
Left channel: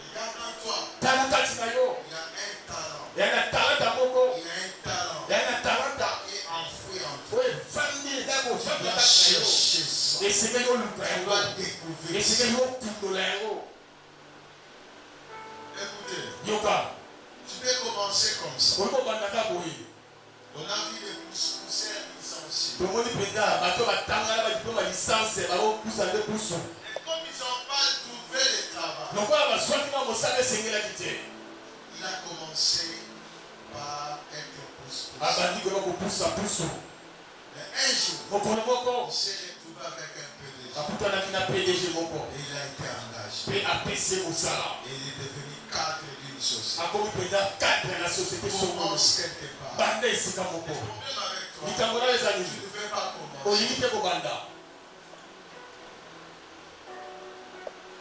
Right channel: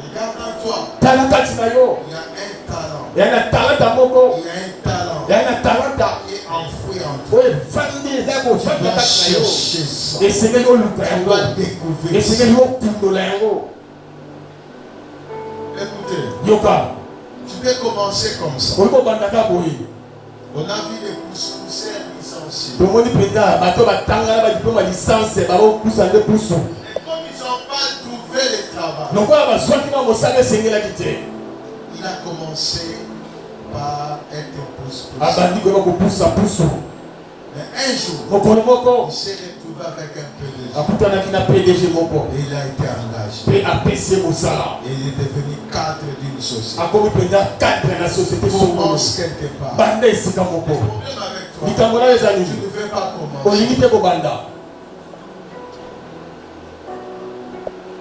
Regarde en toi, Tala kati na yo il y a un talent. ya na talanta moko Il y a un talent ya na talanta qui est enfoui en toi. oyo efandi eza Tu kofanda vas kati na yo. chercher ça. Esengeli oluka Tu yango. vas découvrir ça. Esengeli okundola yango. Écoutez, Yoka tu peux commencer comme ça. olingo obandaka boye. On a vu des pousseurs licenciés. tomoni mpenza bato batangana badiplome ya licence bakokusa nde pusu. Et comme ils n'ont pas trouvé le travail, lokola bazwaki na mosala esengelaki te. il a commencé par être pousse-pousse. abandi koyeba kopusa pusu. Mais un jour, mokolo moko il s'est retrouvé avec un PDG. akutanaki na PDG moko Et il a été engagé. mpe apesi ye mosala. Et il est devenu cadre d'une société. akomi mpenza cadre na société songolo. Commence quelque part. banda esika Le moko. problème avec toi, likambo nayo eza tu nini? ne veux pas commencer. olingi te kobanda.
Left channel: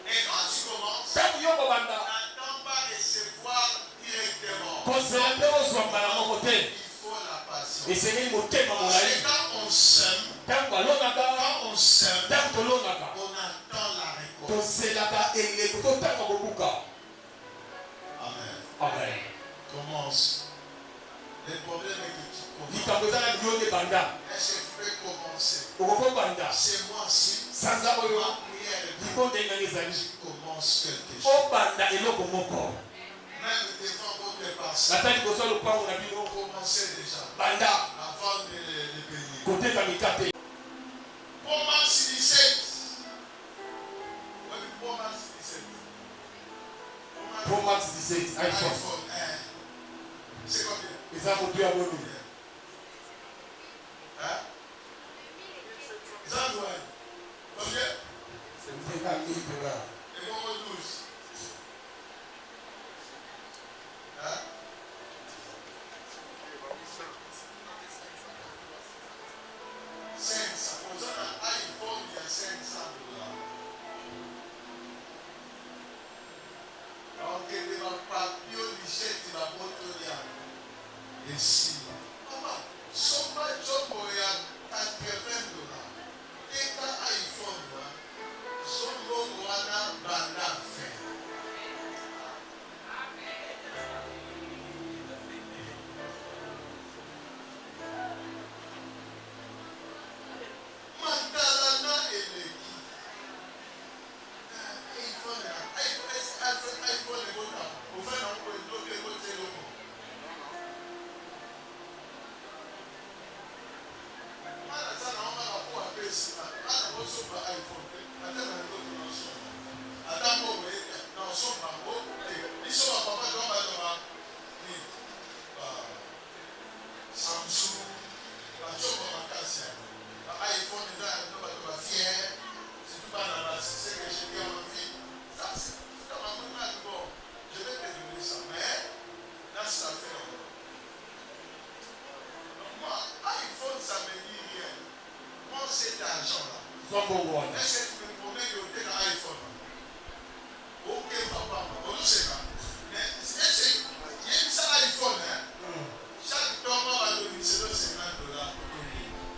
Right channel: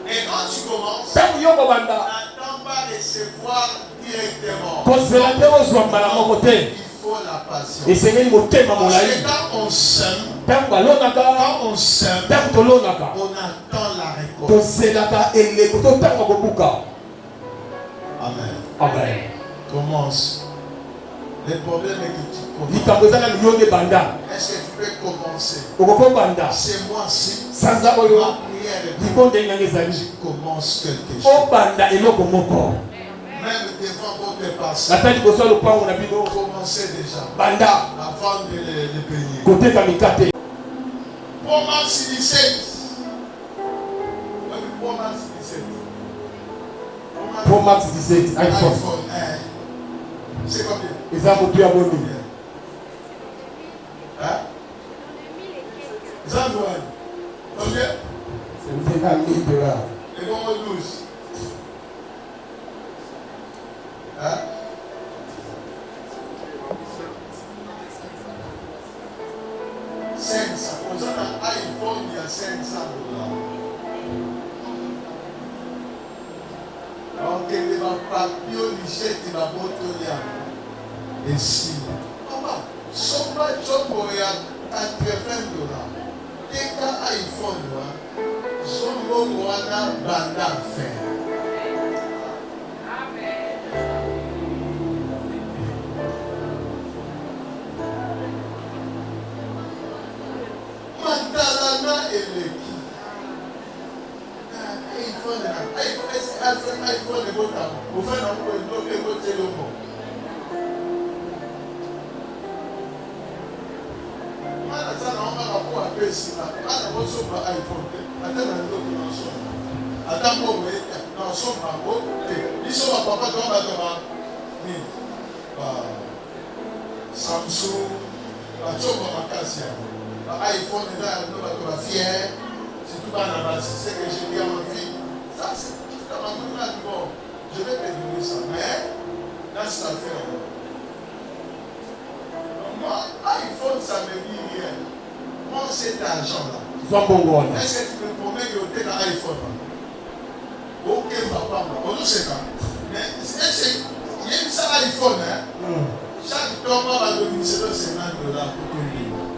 Et quand tu commences, ntango yo kobanda n'attends pas recevoir directement. kozela te ozwa mbala moko te. Il faut la patience. esengeli motema Parce molai. que quand on sème, ntango balonaka quand on sème, ntango tolonaka on attend la récolte. tozelaka eleko totanga kobuka. Amen. amen. Commence. Le problème est que tu commences. likambo eza nani yo nde banda. Est-ce que tu peux commencer? okokobanda C'est moi-ci. sanza oyo Ma prière est libonde nganga ezali. tu commences quelque chose. obanda eloko moko. Même devant votre passage. ata liboso ya lopango na bino Commencez déjà. banda Avant de les payer. koteka mikate. Promax 17. Oui, Promax 17. Pro Max 17 iPhone iPhone. C'est combien? eza motu ya boni. Hein? Zandouane. Combien? eza 1000 $. Et comment 12? Hein? Aux iPhone, il y a $500. Alors que les papiers, les chèques, la moto, et si. Maman, son pas job à $80. Et quand iPhone, son nom, on a banda fait. Matalana eleki. iPhone est bon. Vous faites un peu de l'eau et vous êtes le mot. ça n'a pas rapport à iPhone. Samsung, iPhone fier. Si tout va là-bas, c'est ce que j'ai dit à ma fille. Ça, c'est dans ma main. Bon, je vais te donner ça. Mais, dans cette affaire, moi, iPhone, ça me dit rien. Moi, cet argent-là. Est-ce que tu me promets que tu es dans iPhone? Ok, papa, on ne sait pas. Mais, est-ce qu'il y a ça iPhone, hein? Chaque temps, on va donner $50 pour tout le monde.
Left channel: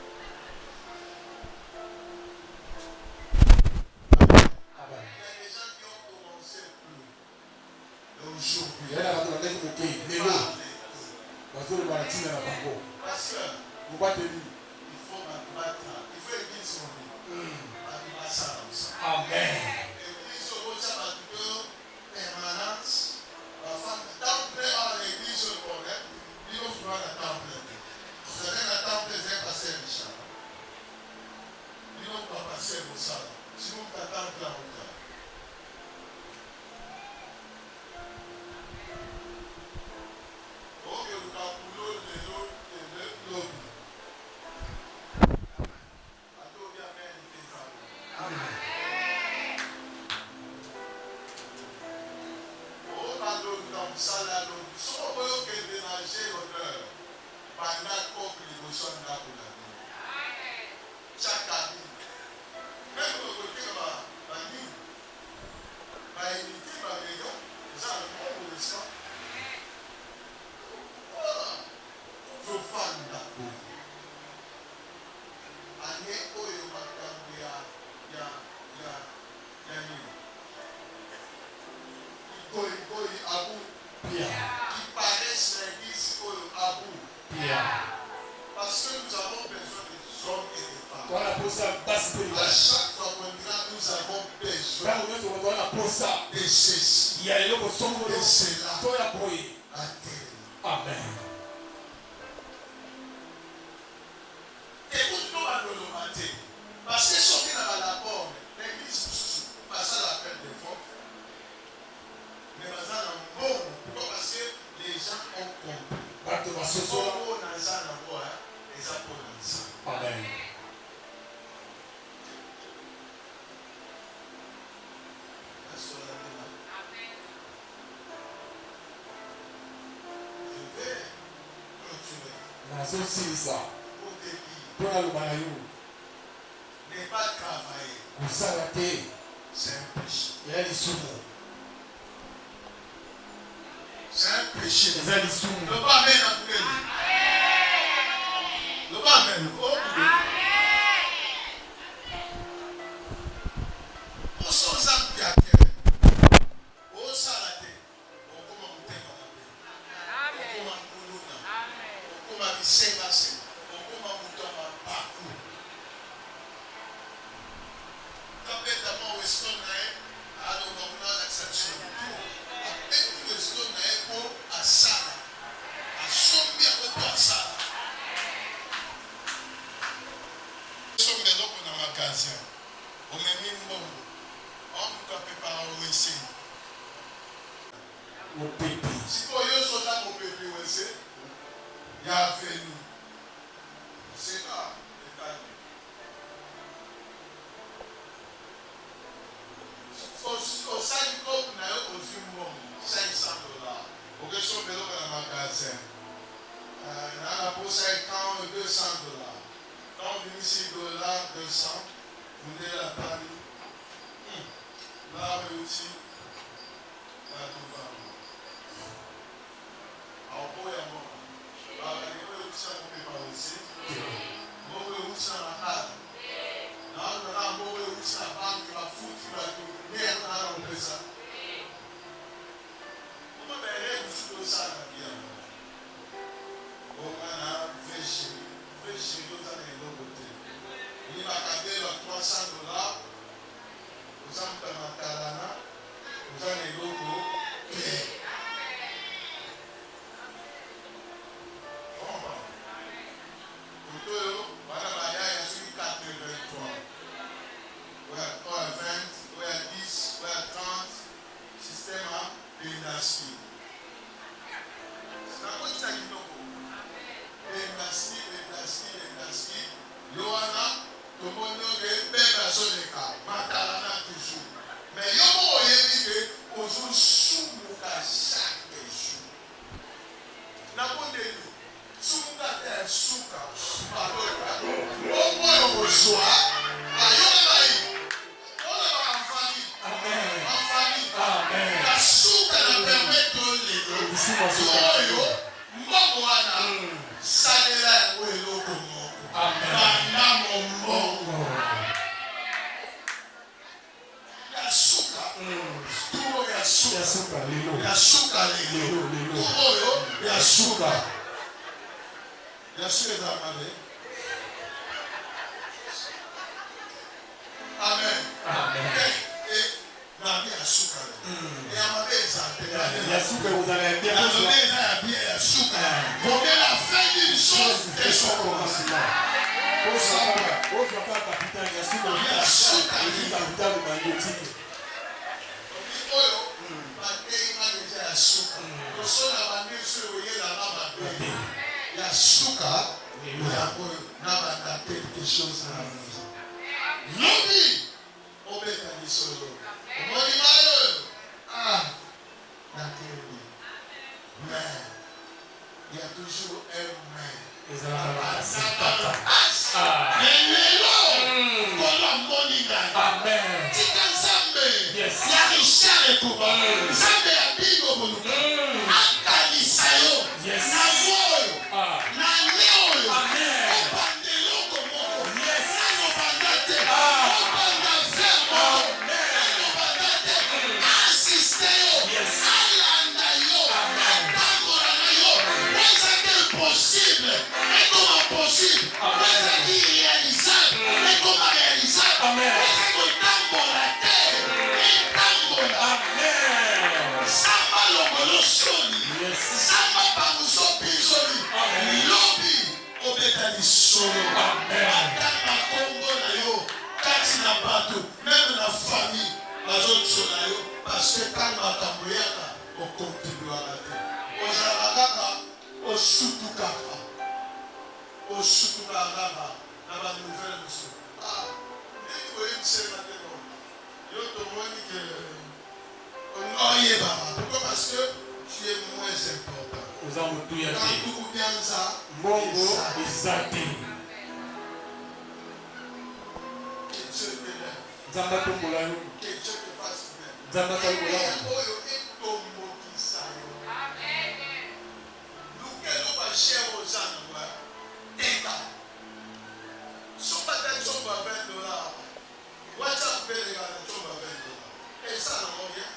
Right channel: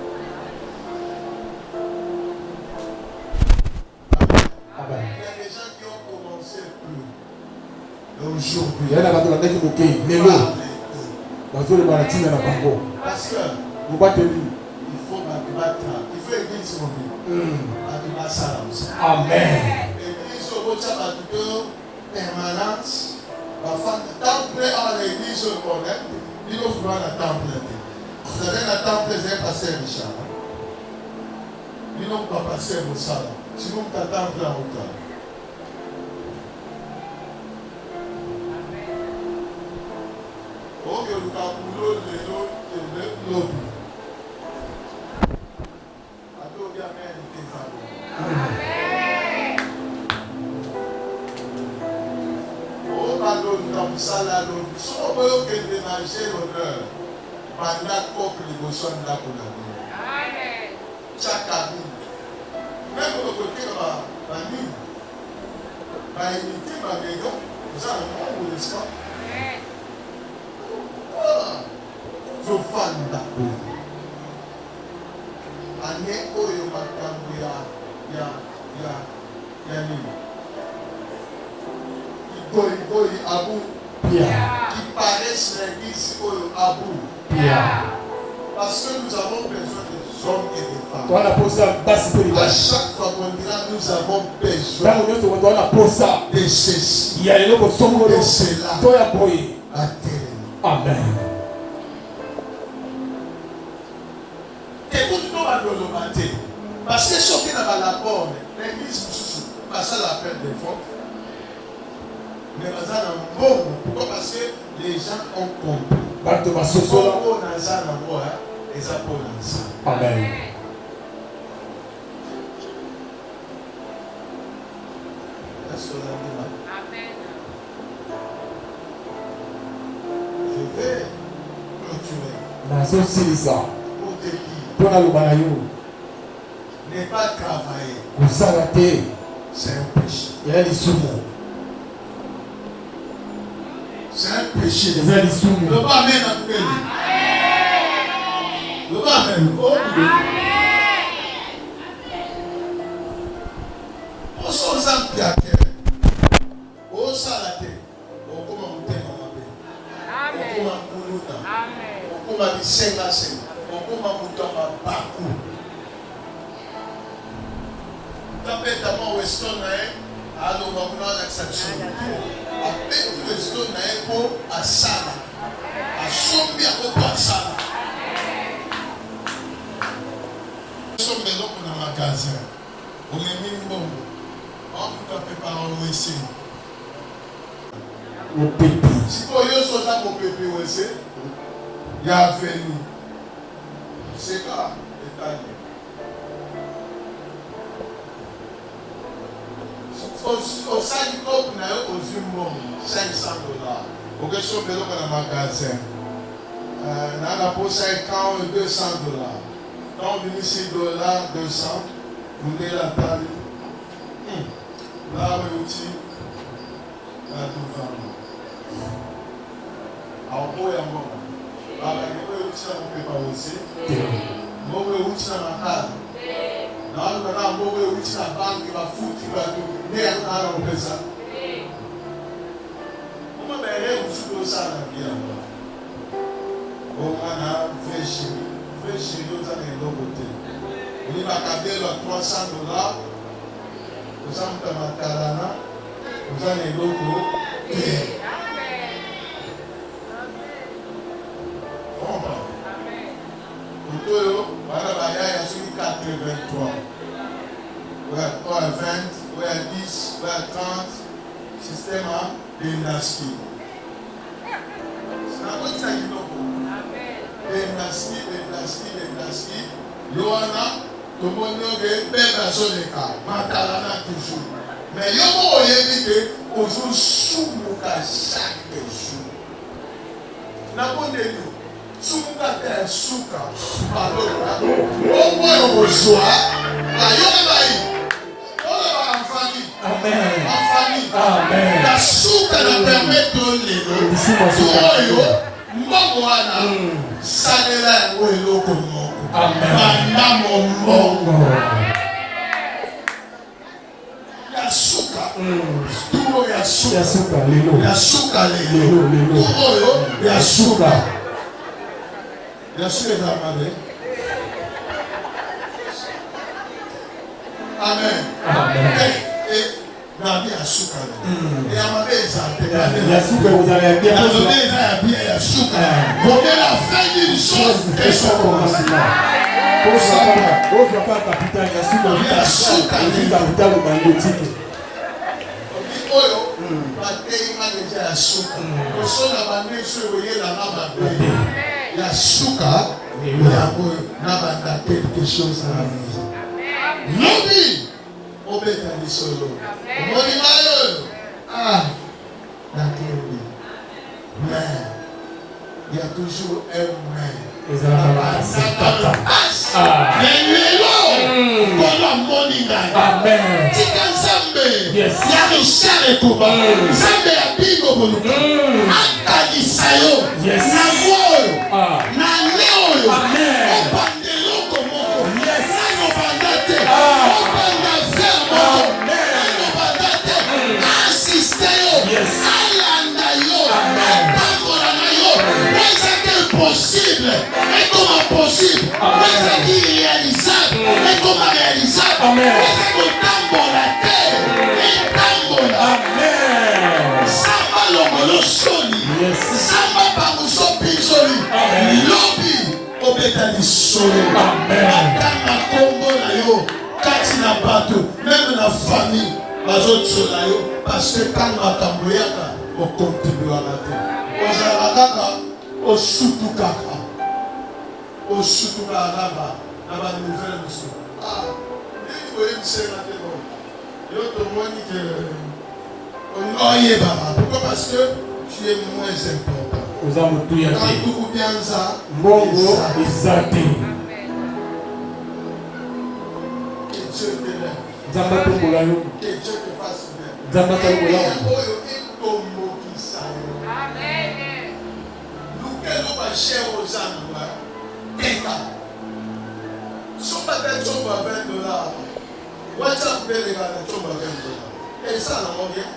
Il y a des gens qui ont commencé plus. Aujourd'hui. Il y a des gens qui ont commencé plus. Parce que il faut battre. Il faut aider son vie. Amen. L'église au bout de permanence. Temple à l'église au Congrès. Il faut voir la temple. Vous avez la temple, c'est passé Richard. Il n'ont pas passé au salon. Si vous ne temple en hauteur. Oh, que le boulot de l'autre. Si on veut que dénager l'honneur, pendant couple de besoin là pour la vie. Chaque cabine. Même le côté de la ligne, la unité, ma maison, vous avez un bon n'est-ce pas? Je fan d'accord. Année où il y a Abou, qui paraissent l'église Abou. Parce que nous avons besoin des hommes et des femmes. À chaque fois qu'on dira nous avons besoin de ceci, de cela, à terre. Amen. Et vous nous matin. Parce que ce qui n'a pas la porte, l'église, pas ça la peine de faute. Mais pourquoi? Parce que les gens ont compris. Amen. Je vais clôturer. Pour te dire, ne pas travailler, c'est un péché. C'est un péché. Le bas amène à tout le bas amène. On s'en sent bien. On s'en la tête. On commence à monter dans la paix. On commence à monter. On commence à dire 5 à 5. On commence à monter dans la parcours. Tapez d'abord Weston, alors on va avoir l'accession. Après tout Weston, pour à Sala. À Sombia pour à Sala. Nous sommes des hommes dans le magasin. On est mis bon. On peut taper par un OSC. Mon pépé. Si vous voyez ce que mon pépé OSC, il y a venu. C'est quoi? Au sein du corps, on a aux $500. Au question de l'eau dans le magasin. On a pour 50 $200. Quand on dit $6, 200, vous avez la taille. Là, on dit, là, tout va. Alors, pour y avoir, il y a aussi un peu aussi. Moi, je suis aussi dans ma table. Now we are going to the bank, you are food, you are doing near our pesa. Uma bere usudo sana pia. Omana fresh yoza ne logote. Oni bakabelo à $300. Uzamta makalana. Uzane logo. Amen. Otoyo bana bayaya 83. Ou à 20, ou à 10, ou à 30. Système à dynastie. C'est la bonne chose qui nous dynastie. Yohana, tout le monde est bien dans les cas. Matalana toujours. Mais il y a un moment où on joue sous chaque jour. N'abondez-nous. Sumuka te suka. Alors, au moins au soir, la yoga en famille. Amen. En famille. Amen. La suka na permet de l'élo. Mwana. Salela welo komo. Amen. Manda mombo. Ya suka. Tuo ya suka. Ya suka lelo. Ya suka lelo. Tuo ya suka. Ya suka za mabe. Amen. Amen. Na ya suka. Ya mabe za te. Ya suka vous avez bien La posé. journée ya suka. Voyez la fin d'une chose et son commencement. Pose pas capital ya suka. Capital bandotique. Oyo batei mageja ya suka. Kosona bandeso oyela na babe. Ya suka yango na banda quelque chose na vie. Lobi obeta lisolo. Omoni mayo. Na kebi. Mais il y a toujours un mais. Amen. Tika Nzambe Yes. ya Richard Ekuba Nzambe ya Bingo Boluka akalisa yo Yes. na voyo na neoyo Amen. obande loko moko Yes. nano banda te obanda ver moko nano banda te asiste yo Yes. alanda yo Amen. atambola na yo ezaki impossible ekoma possible ezaki irréalisable ekoma réalisable Amen. ezaki kotambola te etambola Amen. samba longolo soni Yes. samba banguso pinzoli Amen. lobi obeta lisolo Amen. atanga kombo na yo kati na bato meme na famille bazosola yo parce que ntango makambo eyaka okontribuaka te ozalaka kaka osutukaka kaka na banouvelle mosusu nini boyebisela te no yo tomoni ke oyebaka pourquoi parce que tu es moins important Oza mutu ya te. kantuku bianza Mbongo eza te. que Dieu t'élève Nzambe atombola yo. que Dieu te fasse bien Nzambe atombola yo. oyo etombokisa yo lukelo bashere oza na nga teka soba te nzombo ya $20 whatsapp mpe eleka na nzombo ya $20 esala ngo bien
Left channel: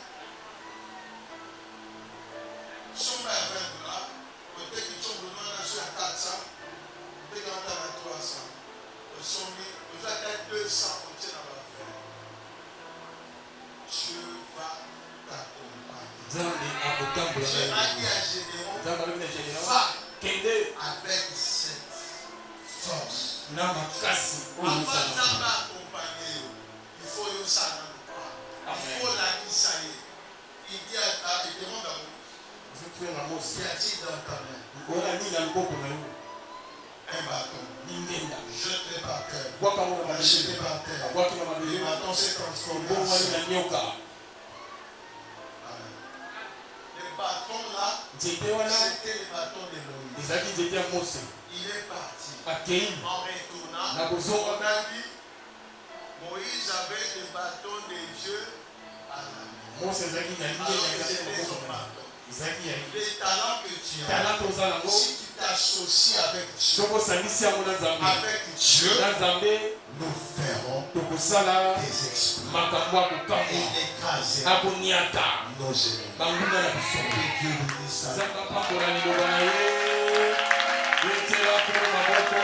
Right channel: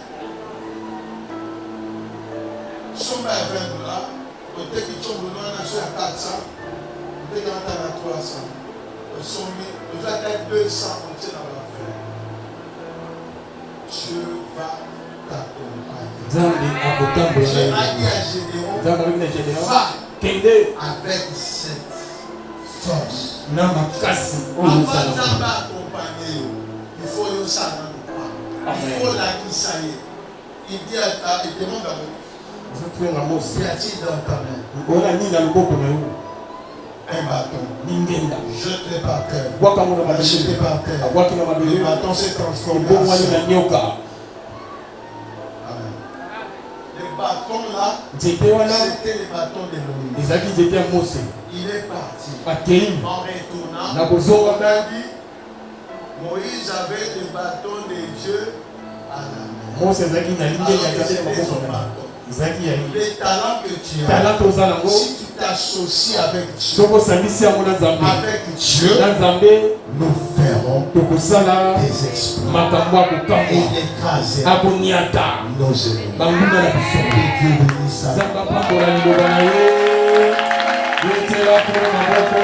somba ya $20 oteki nzombo wana so ya 400 oteki ata na 300 osombi oza te 200 otie na bafere Dieu va t'accompagner. Nzambe akotambola J'ai yo. dit à Gédéon, Nzambe alobi na Gédéon. va Kende avec cette force. na makasi oyo Avant ozala. Nzambe accompagner yo, il faut yo ça dans le pas. Il faut la kisaye. Il dit il demande à vous, Ozotwenga mosi. y a-t-il dans ta main Okola nini na loboko na yo? un bâton? Ningenda. Jette-le par terre. Bwaka mo na Jette-le mabele. par terre. Abwaki na Le mabele. bâton s'est transformé en Ebongwani na sang. nyoka. Amen. Le bâton là, Nzete wana c'était le bâton de Moïse. ezalaki nzete ya Mose. Il est parti. Akei En retournant, na kozonga on a dit, Moïse avait le bâton de Dieu à la main. Mose ezalaki na lingenda ya nzambe na C'était maboko son na ye. bâton. Ezalaki ya ye. Les talents que tu as, Talanta oza nango si tu t'associes avec Dieu, soki osangisi yango na Nzambe. avec Dieu, Na Nzambe nous ferons tokosala des exploits makambo et akokamwa d'écraser akoniata nos ennemis. banguna na biso. Que Dieu bénisse ça. Nzambe apambola liloba na ye yetelako maboko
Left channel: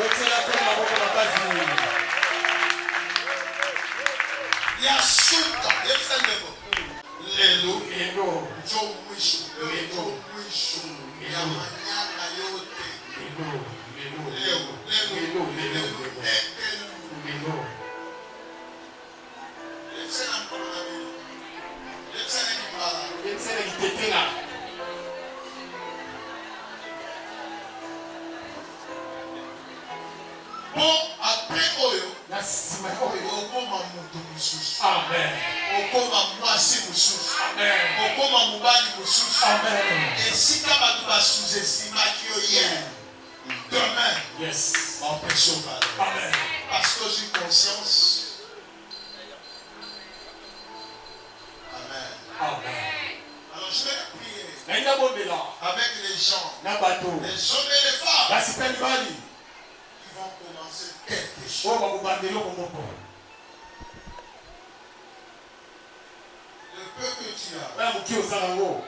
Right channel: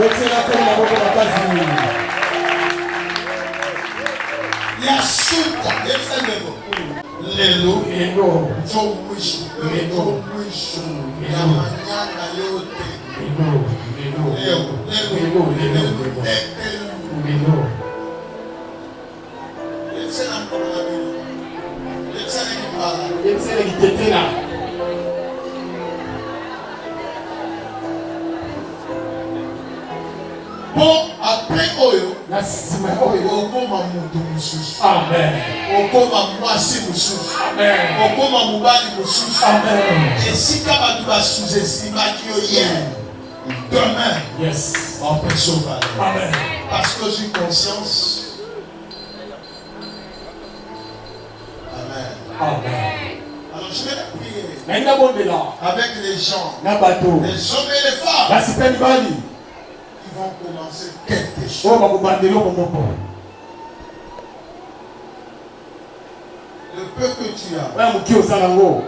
yetelako maboko makasi Yasuka, lelo, lelo jo mwisho, ya manyanga yote, lelo Bon, après Oyo, na nsima ya oyo okoma moto mosusu. amen Okoma mwasi mosusu. amen Okoma mobali mosusu. amen Esika bato basous-estimaki yo hier. Demain, yes on peut sauver. amen Parce que j'ai conscience. Amen. amen Alors je vais prier nalinga bombela avec les gens, na bato les hommes et les femmes basi mpe mibali qui vont commencer quelque chose. oyo bakobanda eloko moko Le peu que tu as, oya moki oza nango